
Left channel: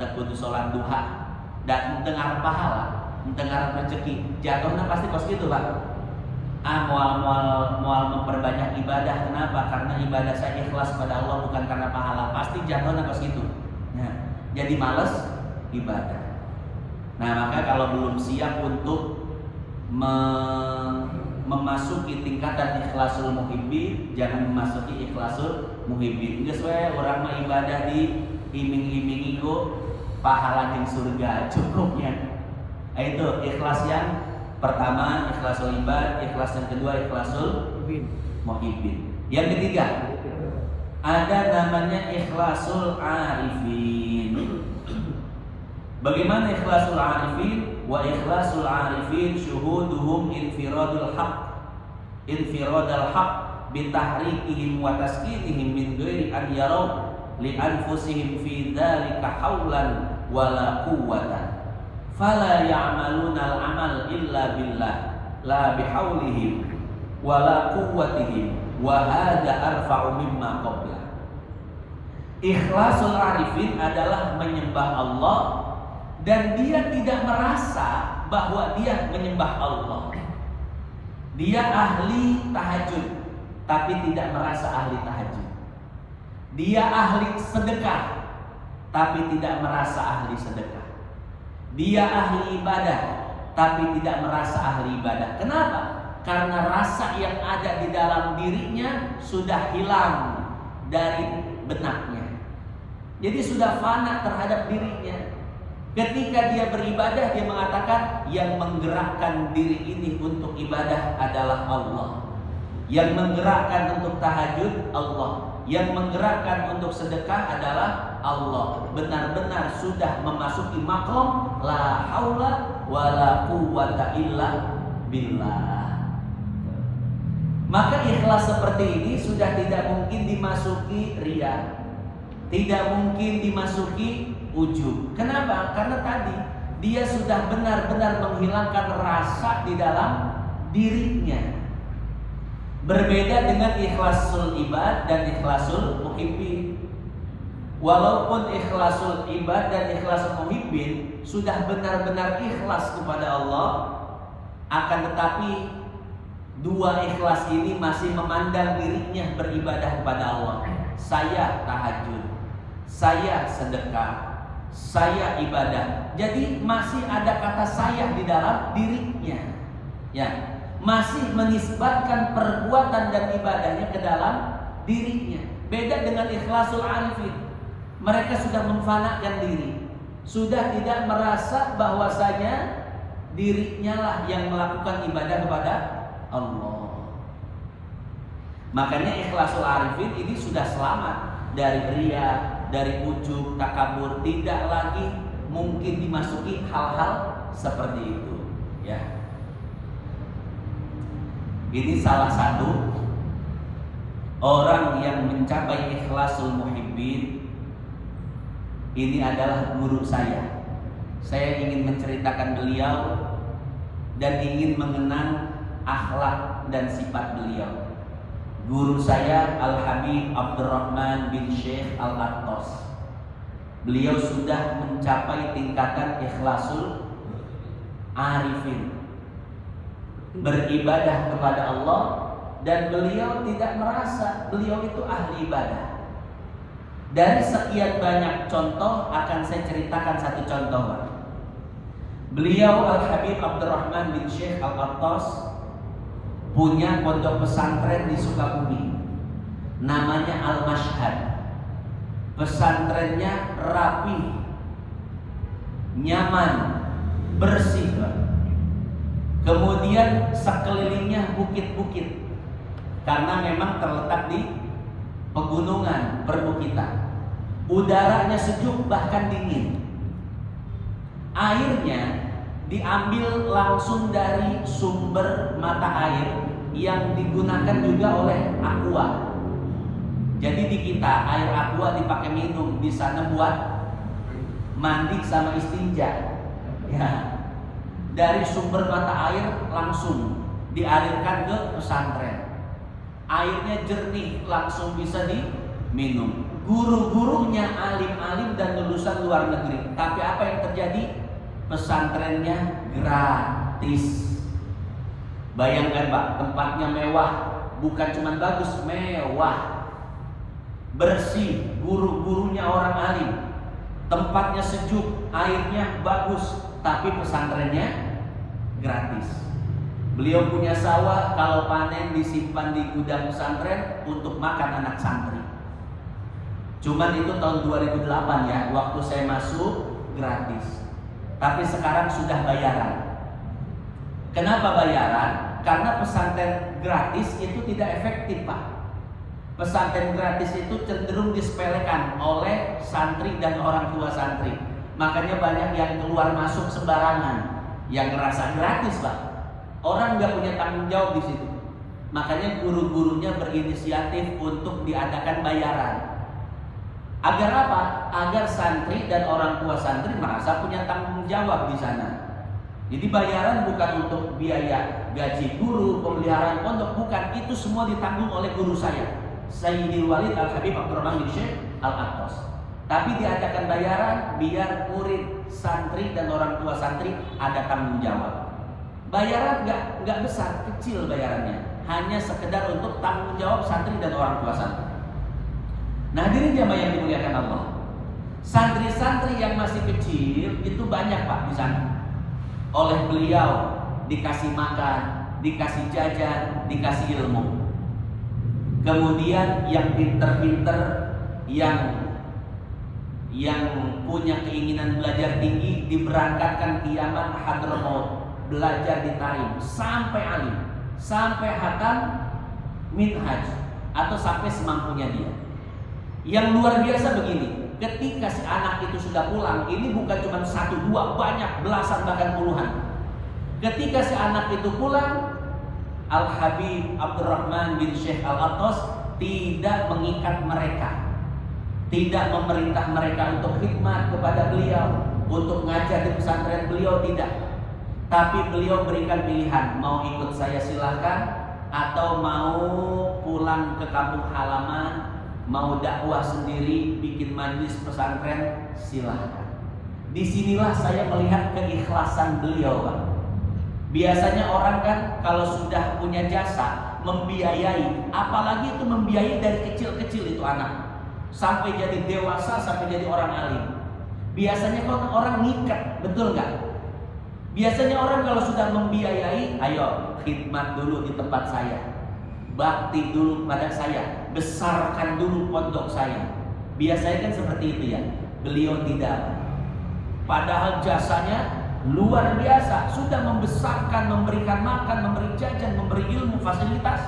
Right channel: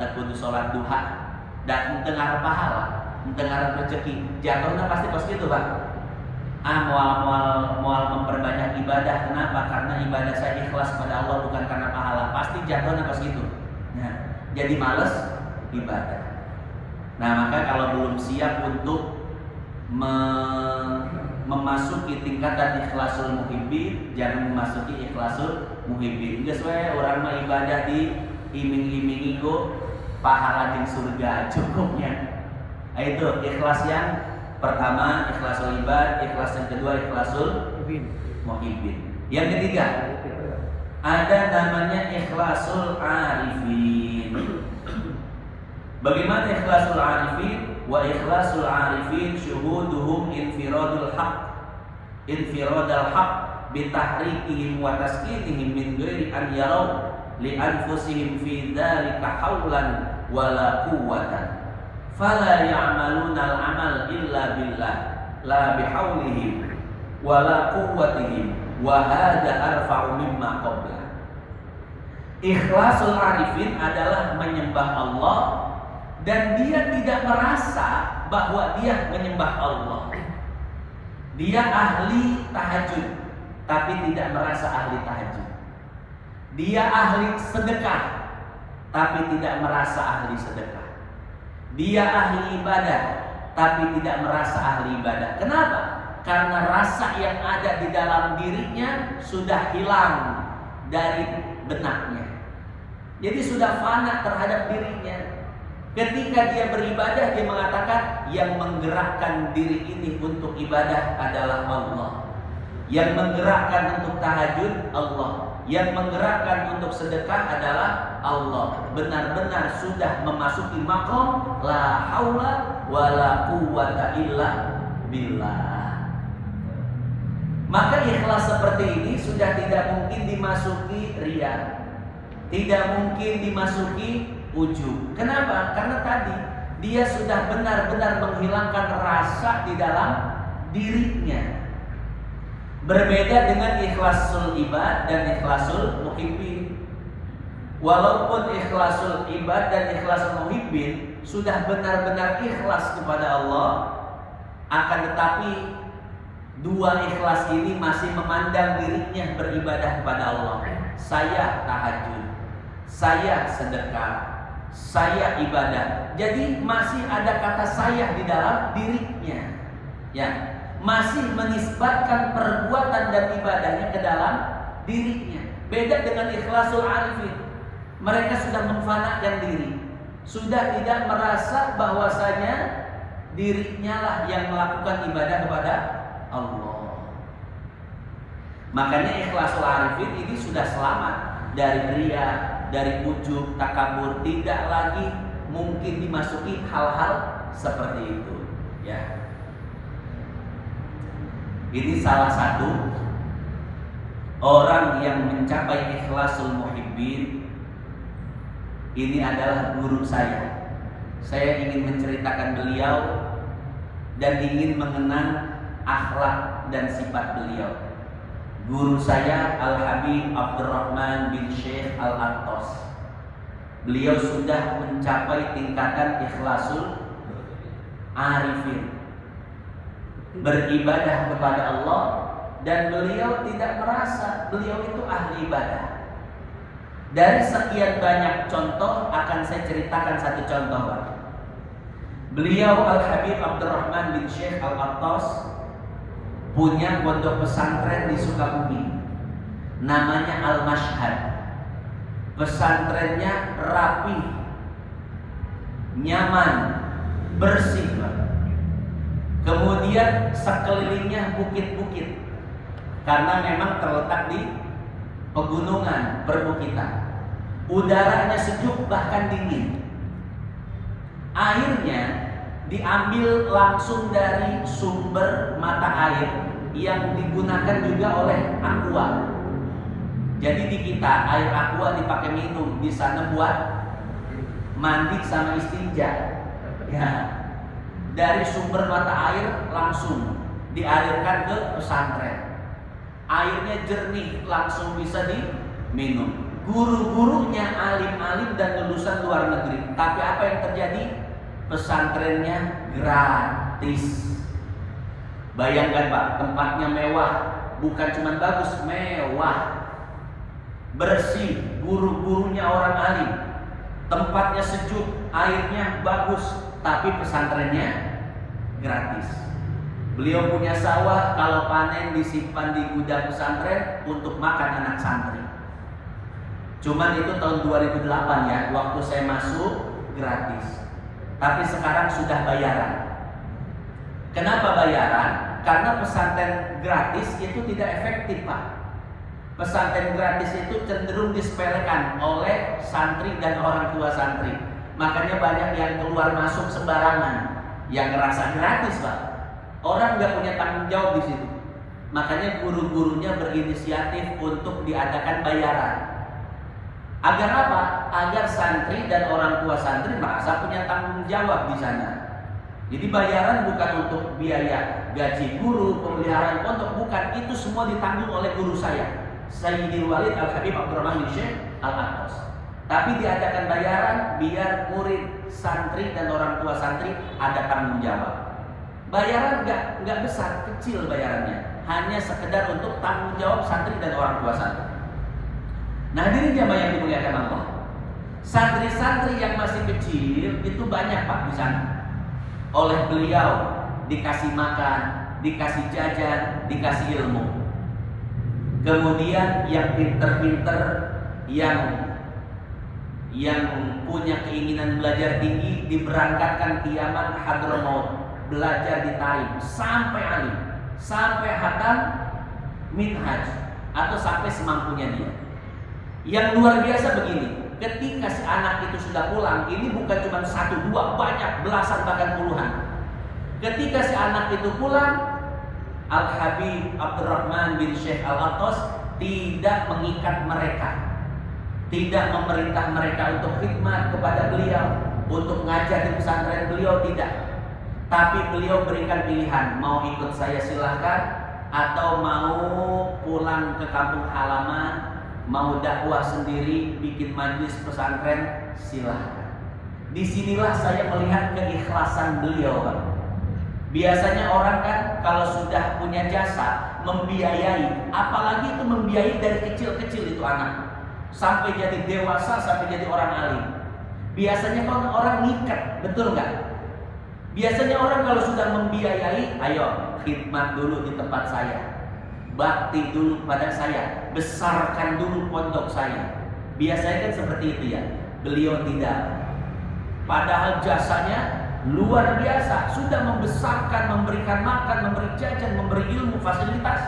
Tekudu sholat duha dan tengah pahala, tengah rezeki, jatuhnya pasti kos gitu Pak. Mual memperbanyak ibadah. Kenapa? Karena ibadah saya ikhlas pada Allah, bukan karena pahala. Pasti jatuhnya kos gitu. Nah, jadi males ibadah. Nah, maka kalau belum siap untuk memasuki tingkatan ikhlasul muhibbin, jangan memasuki ikhlasul muhibbin. Geus we urang mah ibadah di iming-imingi ku pahala jeung surga cukupnya. Itu ikhlas yang pertama, ikhlasul ibad. Ikhlas yang kedua, ikhlasul muhibbin. Yang ketiga, ada namanya ikhlasul arifin. Bagaimana ikhlasul arifin? Wa ikhlasul arifin syuhuduhum infiradul haq bitahrikihim wa taskinihim min ghairi an yaraw li anfusihim fi dzalika haulan wala quwwatan fala ya'maluna al-amal illa billah la bihaulihim wala quwwatihim wa hadha arfa'u mimma qabla. Ikhlasul arifin adalah menyembah Allah dan dia tidak merasa bahwa dia menyembah Allah. Dia ahli tahajud tapi tidak merasa ahli tahajud. Dia ahli sedekah tapi tidak merasa ahli sedekah. Dia ahli ibadah tapi tidak merasa ahli ibadah. Kenapa? Karena rasa yang ada di dalam dirinya sudah hilang dari benaknya. Jadi sudah fana terhadap dirinya. Ketika dia beribadah, dia mengatakan yang menggerakkan diri ini untuk ibadah adalah Allah. Yang menggerakkan untuk tahajud Allah. Yang menggerakkan untuk sedekah adalah Allah. Benar-benar sudah memasuki maqam la haula wala quwwata illa billah. Maka ikhlas seperti ini sudah tidak mungkin dimasuki riya. Tidak mungkin dimasuki ujub. Kenapa? Karena tadi dia sudah benar-benar menghilangkan rasa di dalam dirinya. Berbeda dengan ikhlasul ibad dan ikhlasul muhibbin. Walaupun ikhlasul ibad dan ikhlasul muhibbin sudah benar-benar ikhlas kepada Allah, akan tetapi dua ikhlas ini masih memandang dirinya beribadah kepada Allah. Saya tahajud, saya sedekah, saya ibadah. Jadi masih ada kata saya di dalam dirinya. Ya, masih menisbatkan perbuatan dan ibadahnya ke dalam dirinya. Beda dengan ikhlasul arifin. Mereka sudah memfanakan diri, sudah tidak merasa bahwasanya dirinya lah yang melakukan ibadah kepada Allah. Makanya ikhlasul arifin ini sudah selamat dari riya, dari ujub, takabur. Tidak lagi mungkin dimasuki hal-hal seperti itu. Ya, ini salah satu orang yang mencapai ikhlasul muhibbin. Ini adalah guru saya. Saya ingin menceritakan beliau dan ingin mengenang akhlak dan sifat beliau. Guru saya Al-Habib Abdurrahman bin Syekh Al-Attas. Beliau sudah mencapai tingkatan ikhlasul arifin, beribadah kepada Allah, dan beliau tidak merasa beliau itu ahli ibadah. Dari sekian banyak contoh akan saya ceritakan satu contoh, Pak. Beliau Al-Habib Abdurrahman bin Syekh Al-Attas punya pondok pesantren di Sukabumi, namanya Al-Mashhad. Pesantrennya rapi, nyaman, bersih, Pak. Kemudian sekelilingnya bukit-bukit, karena memang terletak di pegunungan, perbukitan. Udaranya sejuk bahkan dingin. Airnya diambil langsung dari sumber mata air yang digunakan juga oleh aqua. Jadi di kita air aqua dipakai minum, di sana buat mandi sama istinja. Ya. Dari sumber mata air langsung dialirkan ke pesantren. Airnya jernih, langsung bisa diminum. Guru-gurunya alim-alim dan lulusan luar negeri. Tapi apa yang terjadi? Pesantrennya gratis. Bayangkan, Pak, tempatnya mewah. Bukan cuma bagus, mewah, bersih, guru-gurunya orang alim, tempatnya sejuk, airnya bagus, tapi pesantrennya gratis. Beliau punya sawah, kalau panen disimpan di gudang pesantren untuk makan anak santri. Cuman itu tahun 2008 ya, waktu saya masuk gratis. Tapi sekarang sudah bayaran. Kenapa bayaran? Karena pesantren gratis itu tidak efektif, Pak. Pesantren gratis itu cenderung disepelekan oleh santri dan orang tua santri. Makanya banyak yang keluar masuk sembarangan, yang ngerasa gratis, Pak. Orang nggak punya tanggung jawab di situ. Makanya guru-gurunya berinisiatif untuk diadakan bayaran. Agar apa? Agar santri dan orang tua santri merasa punya tanggung jawab di sana. Jadi bayaran bukan untuk biaya gaji guru, pemeliharaan pondok, bukan. Itu semua ditanggung oleh guru saya, Sayyidil Walid Al-Habib Abdurrahman bin Syekh Al-Aqtas. Tapi diadakan bayaran biar murid santri dan orang tua santri ada tanggung jawab. Bayaran nggak besar, kecil bayarannya, hanya sekedar untuk tanggung jawab santri dan orang tua santri. Nah, hadirin jamaah yang dimuliakan Allah, santri-santri yang masih kecil itu banyak Pak di sana. Oleh beliau dikasih makan, dikasih jajan, dikasih ilmu. Kemudian yang pinter-pinter, yang punya keinginan belajar tinggi diberangkatkan ke Yaman Hadramaut, belajar di Tarim sampai alim, sampai hatam minhaj atau sampai semampunya dia. Yang luar biasa begini, ketika si anak itu sudah pulang, ini bukan cuma 1, 2, banyak, belasan bahkan puluhan. Ketika si anak itu pulang, Al-Habib Abdurrahman bin Syekh Al-Aqtas tidak mengikat mereka, tidak memerintah mereka untuk khidmat kepada beliau, untuk ngajar di pesantren beliau, tidak. Tapi beliau berikan pilihan, mau ikut saya silahkan, atau mau pulang ke kampung halaman, mau dakwah sendiri, bikin majlis pesantren, silahkan. Disinilah saya melihat keikhlasan beliau, Pak. Biasanya orang kan kalau sudah punya jasa membiayai, apalagi itu membiayai dari kecil-kecil itu anak, sampai jadi dewasa, sampai jadi orang alim. Biasanya kalau orang ngikat, betul nggak? Biasanya orang kalau sudah membiayai, ayo khidmat dulu di tempat saya, bakti dulu kepada saya, besarkan dulu pondok saya. Biasanya kan seperti itu ya. Beliau tidak. Padahal jasanya luar biasa, sudah membesarkan, memberikan makan, memberi jajan, memberi ilmu, fasilitas.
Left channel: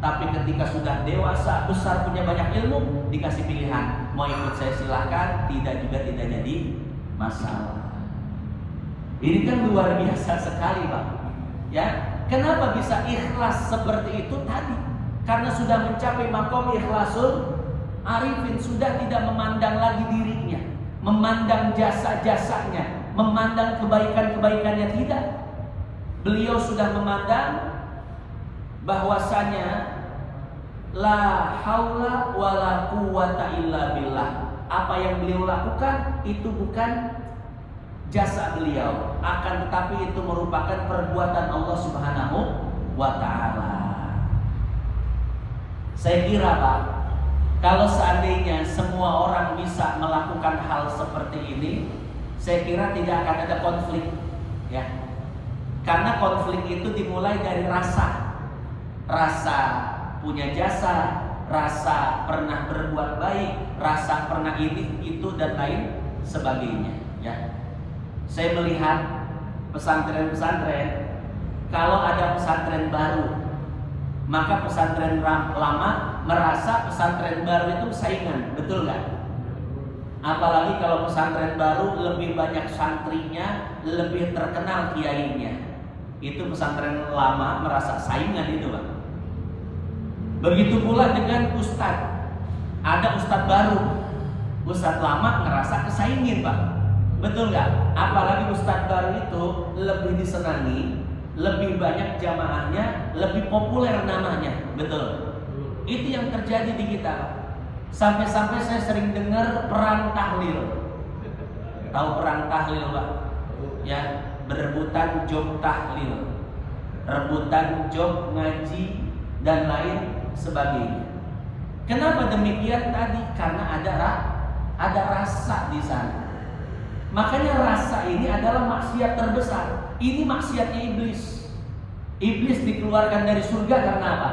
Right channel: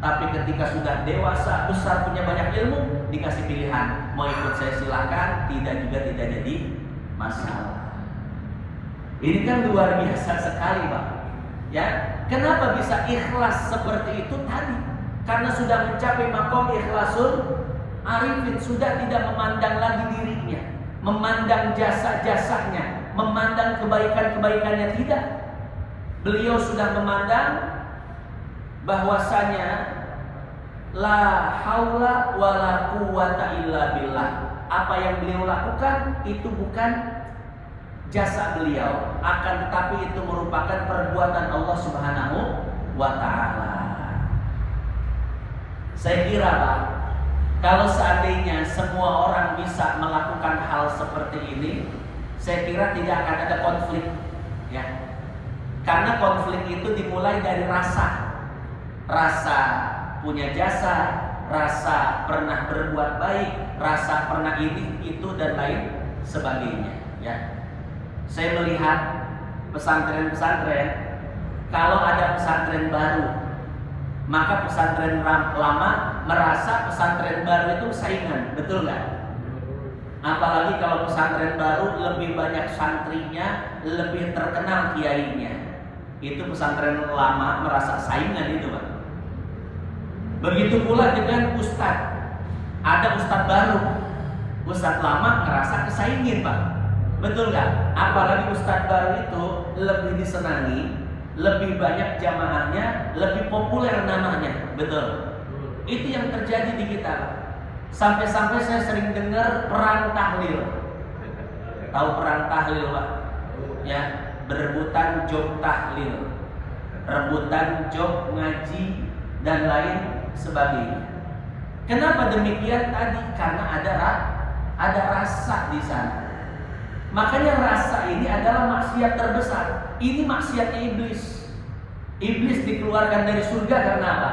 Tapi ketika sudah dewasa, besar, punya banyak ilmu, dikasih pilihan, mau ikut saya silahkan, tidak juga tidak jadi masalah. Ini kan luar biasa sekali, Pak. Ya, kenapa bisa ikhlas seperti itu tadi? Karena sudah mencapai maqam ikhlasul arifin, sudah tidak memandang lagi dirinya, memandang jasa-jasanya, memandang kebaikan-kebaikannya, tidak. Beliau sudah memandang bahwasanya la haula wala quwata illa billah. Apa yang beliau lakukan itu bukan jasa beliau, akan tetapi itu merupakan perbuatan Allah Subhanahu wa taala. Saya kira, Pak, kalau seandainya semua orang bisa melakukan hal seperti ini, saya kira tidak akan ada konflik, ya. Karena konflik itu dimulai dari rasa punya jasa, rasa pernah berbuat baik, rasa pernah ini, itu dan lain sebagainya, ya. Saya melihat pesantren-pesantren, kalau ada pesantren baru, maka pesantren lama merasa pesantren baru itu saingan, betul nggak? Apalagi kalau pesantren baru lebih banyak santrinya, lebih terkenal kiainya, itu pesantren lama merasa saingan itu, Pak. Begitu pula dengan ustadz, ada ustadz baru, ustadz lama ngerasa kesaingin, Pak. Betul nggak? Apalagi ustadz baru itu lebih disenangi, lebih banyak jamaahnya, lebih populer namanya, betul. Itu yang terjadi di kita. Sampai-sampai saya sering dengar perang tahlil. Tahu perang tahlil, Pak? Ya, berebutan job tahlil, rebutan job ngaji dan lain sebagainya. Kenapa demikian tadi? Karena ada rasa di sana. Makanya rasa ini adalah maksiat terbesar. Ini maksiatnya iblis. Iblis dikeluarkan dari surga karena apa?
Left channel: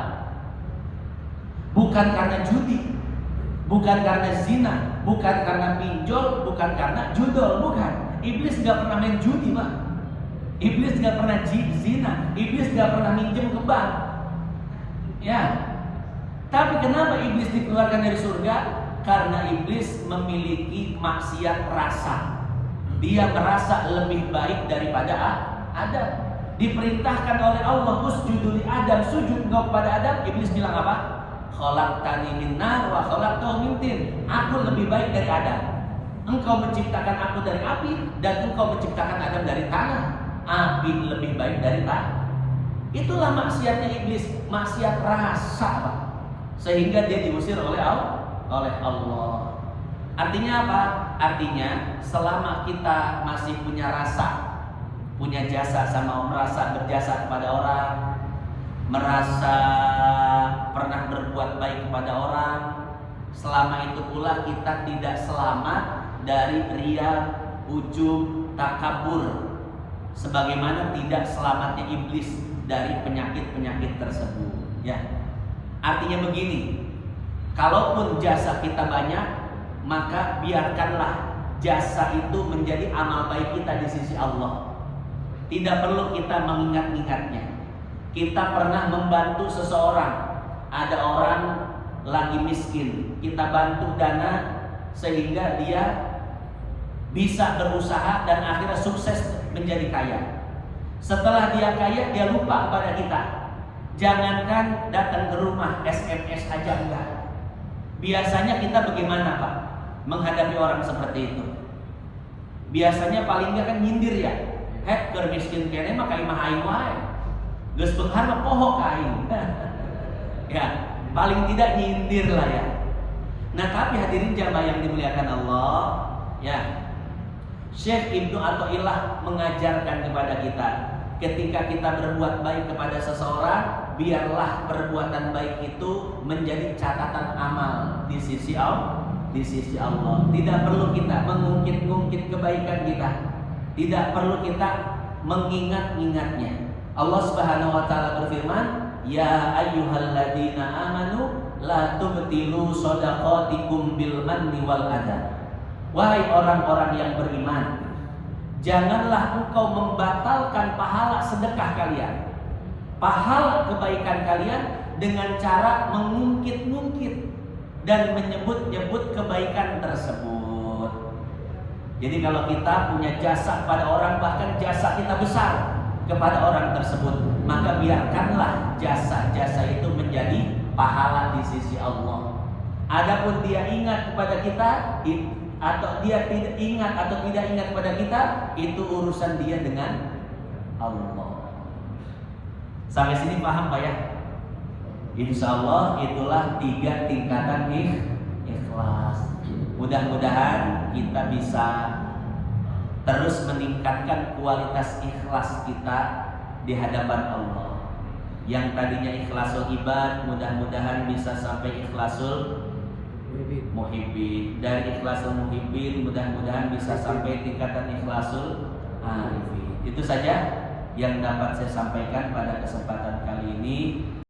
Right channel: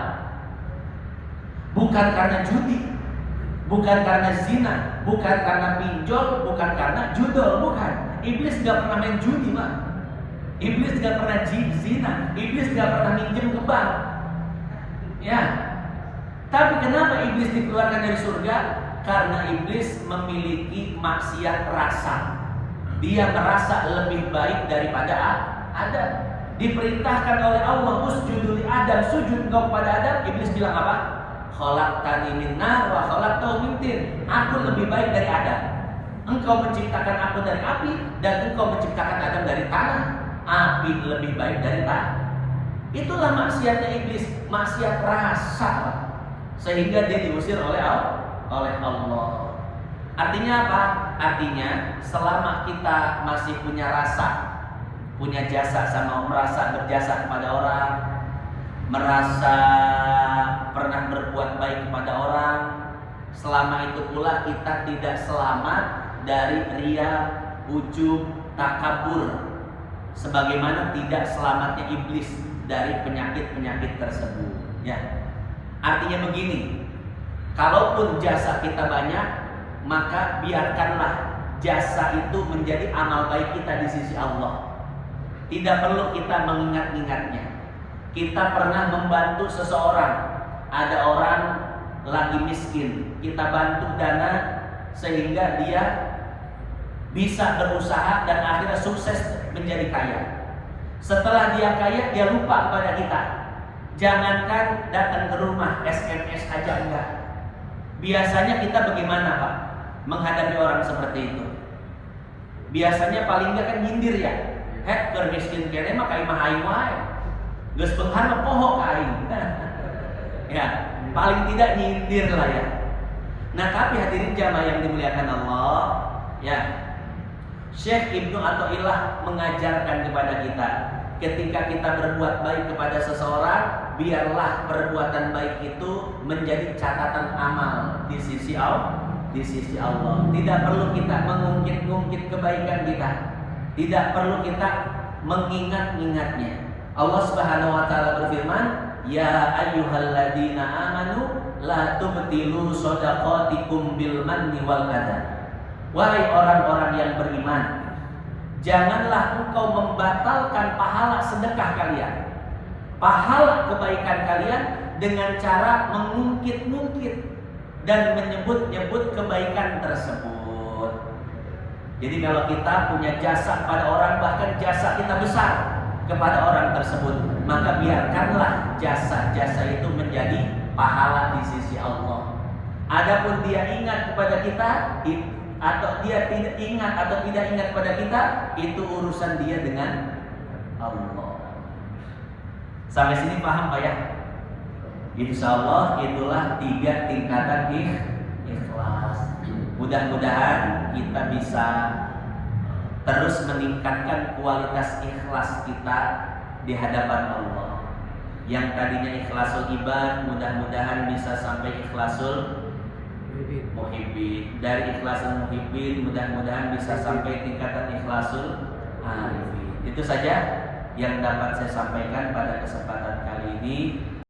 Bukan karena judi, bukan karena zina, bukan karena pinjol, bukan karena judol, bukan. Iblis gak pernah main judi, Pak. Iblis gak pernah zina, iblis gak pernah minjem ke bank. Ya. Tapi kenapa iblis dikeluarkan dari surga? Karena iblis memiliki maksiat rasa. Dia merasa lebih baik daripada Adam. Diperintahkan oleh Allah, usjudu li Adam, sujud engkau kepada Adam. Iblis bilang apa? Khalaqtani min nar wa khalaqtahu min tin. Aku lebih baik dari Adam. Engkau menciptakan aku dari api dan engkau menciptakan Adam dari tanah. Api lebih baik dari tanah. Itulah maksiatnya iblis, maksiat rasa, Pak. Sehingga dia diusir oleh Allah. Artinya apa? Artinya selama kita masih punya rasa, punya jasa sama merasa berjasa kepada orang, merasa pernah berbuat baik kepada orang, selama itu pula kita tidak selamat dari riya, ujub, takabur, sebagaimana tidak selamatnya iblis dari penyakit-penyakit tersebut. Ya, artinya begini, kalaupun jasa kita banyak, maka biarkanlah jasa itu menjadi amal baik kita di sisi Allah. Tidak perlu kita mengingat-ingatnya. Kita pernah membantu seseorang, ada orang lagi miskin, kita bantu dana sehingga dia bisa berusaha dan akhirnya sukses menjadi kaya. Setelah dia kaya, dia lupa pada kita. Jangankan datang ke rumah, SMS aja enggak. Biasanya kita bagaimana Pak menghadapi orang seperti itu? Biasanya paling enggak kan nyindir ya. Hek keur miskin kene mah ka imah aing wae. Geus beunghar mah poho ka aing. Ya, paling tidak nyindir lah ya. Nah, tapi hadirin jamaah yang dimuliakan Allah, ya. Syekh Ibnu Athaillah mengajarkan kepada kita, ketika kita berbuat baik kepada seseorang, biarlah perbuatan baik itu menjadi catatan amal di sisi Allah. Tidak perlu kita mengungkit-ungkit kebaikan kita. Tidak perlu kita mengingat-ingatnya. Allah Subhanahu wa taala berfirman, "Ya ayyuhalladzina amanu la tubtilu shadaqatikum bil manni wal adha." Wahai orang-orang yang beriman, janganlah engkau membatalkan pahala sedekah kalian, pahala kebaikan kalian dengan cara mengungkit-ungkit dan menyebut-nyebut kebaikan tersebut. Jadi kalau kita punya jasa pada orang, bahkan jasa kita besar kepada orang tersebut, maka biarkanlah jasa-jasa itu menjadi pahala di sisi Allah. Adapun dia ingat kepada kita atau dia tidak ingat atau tidak ingat kepada kita, itu urusan dia dengan Allah. Sampai sini paham Pak ya? Insya Allah itulah 3 tingkatan ikhlas. Mudah-mudahan kita bisa terus meningkatkan kualitas ikhlas kita di hadapan Allah. Yang tadinya ikhlasul ibad, mudah-mudahan bisa sampai ikhlasul muhibbin. Dari ikhlasul muhibbin, mudah-mudahan bisa sampai tingkatan ikhlasul arifin. Itu saja yang dapat saya sampaikan pada kesempatan kali ini.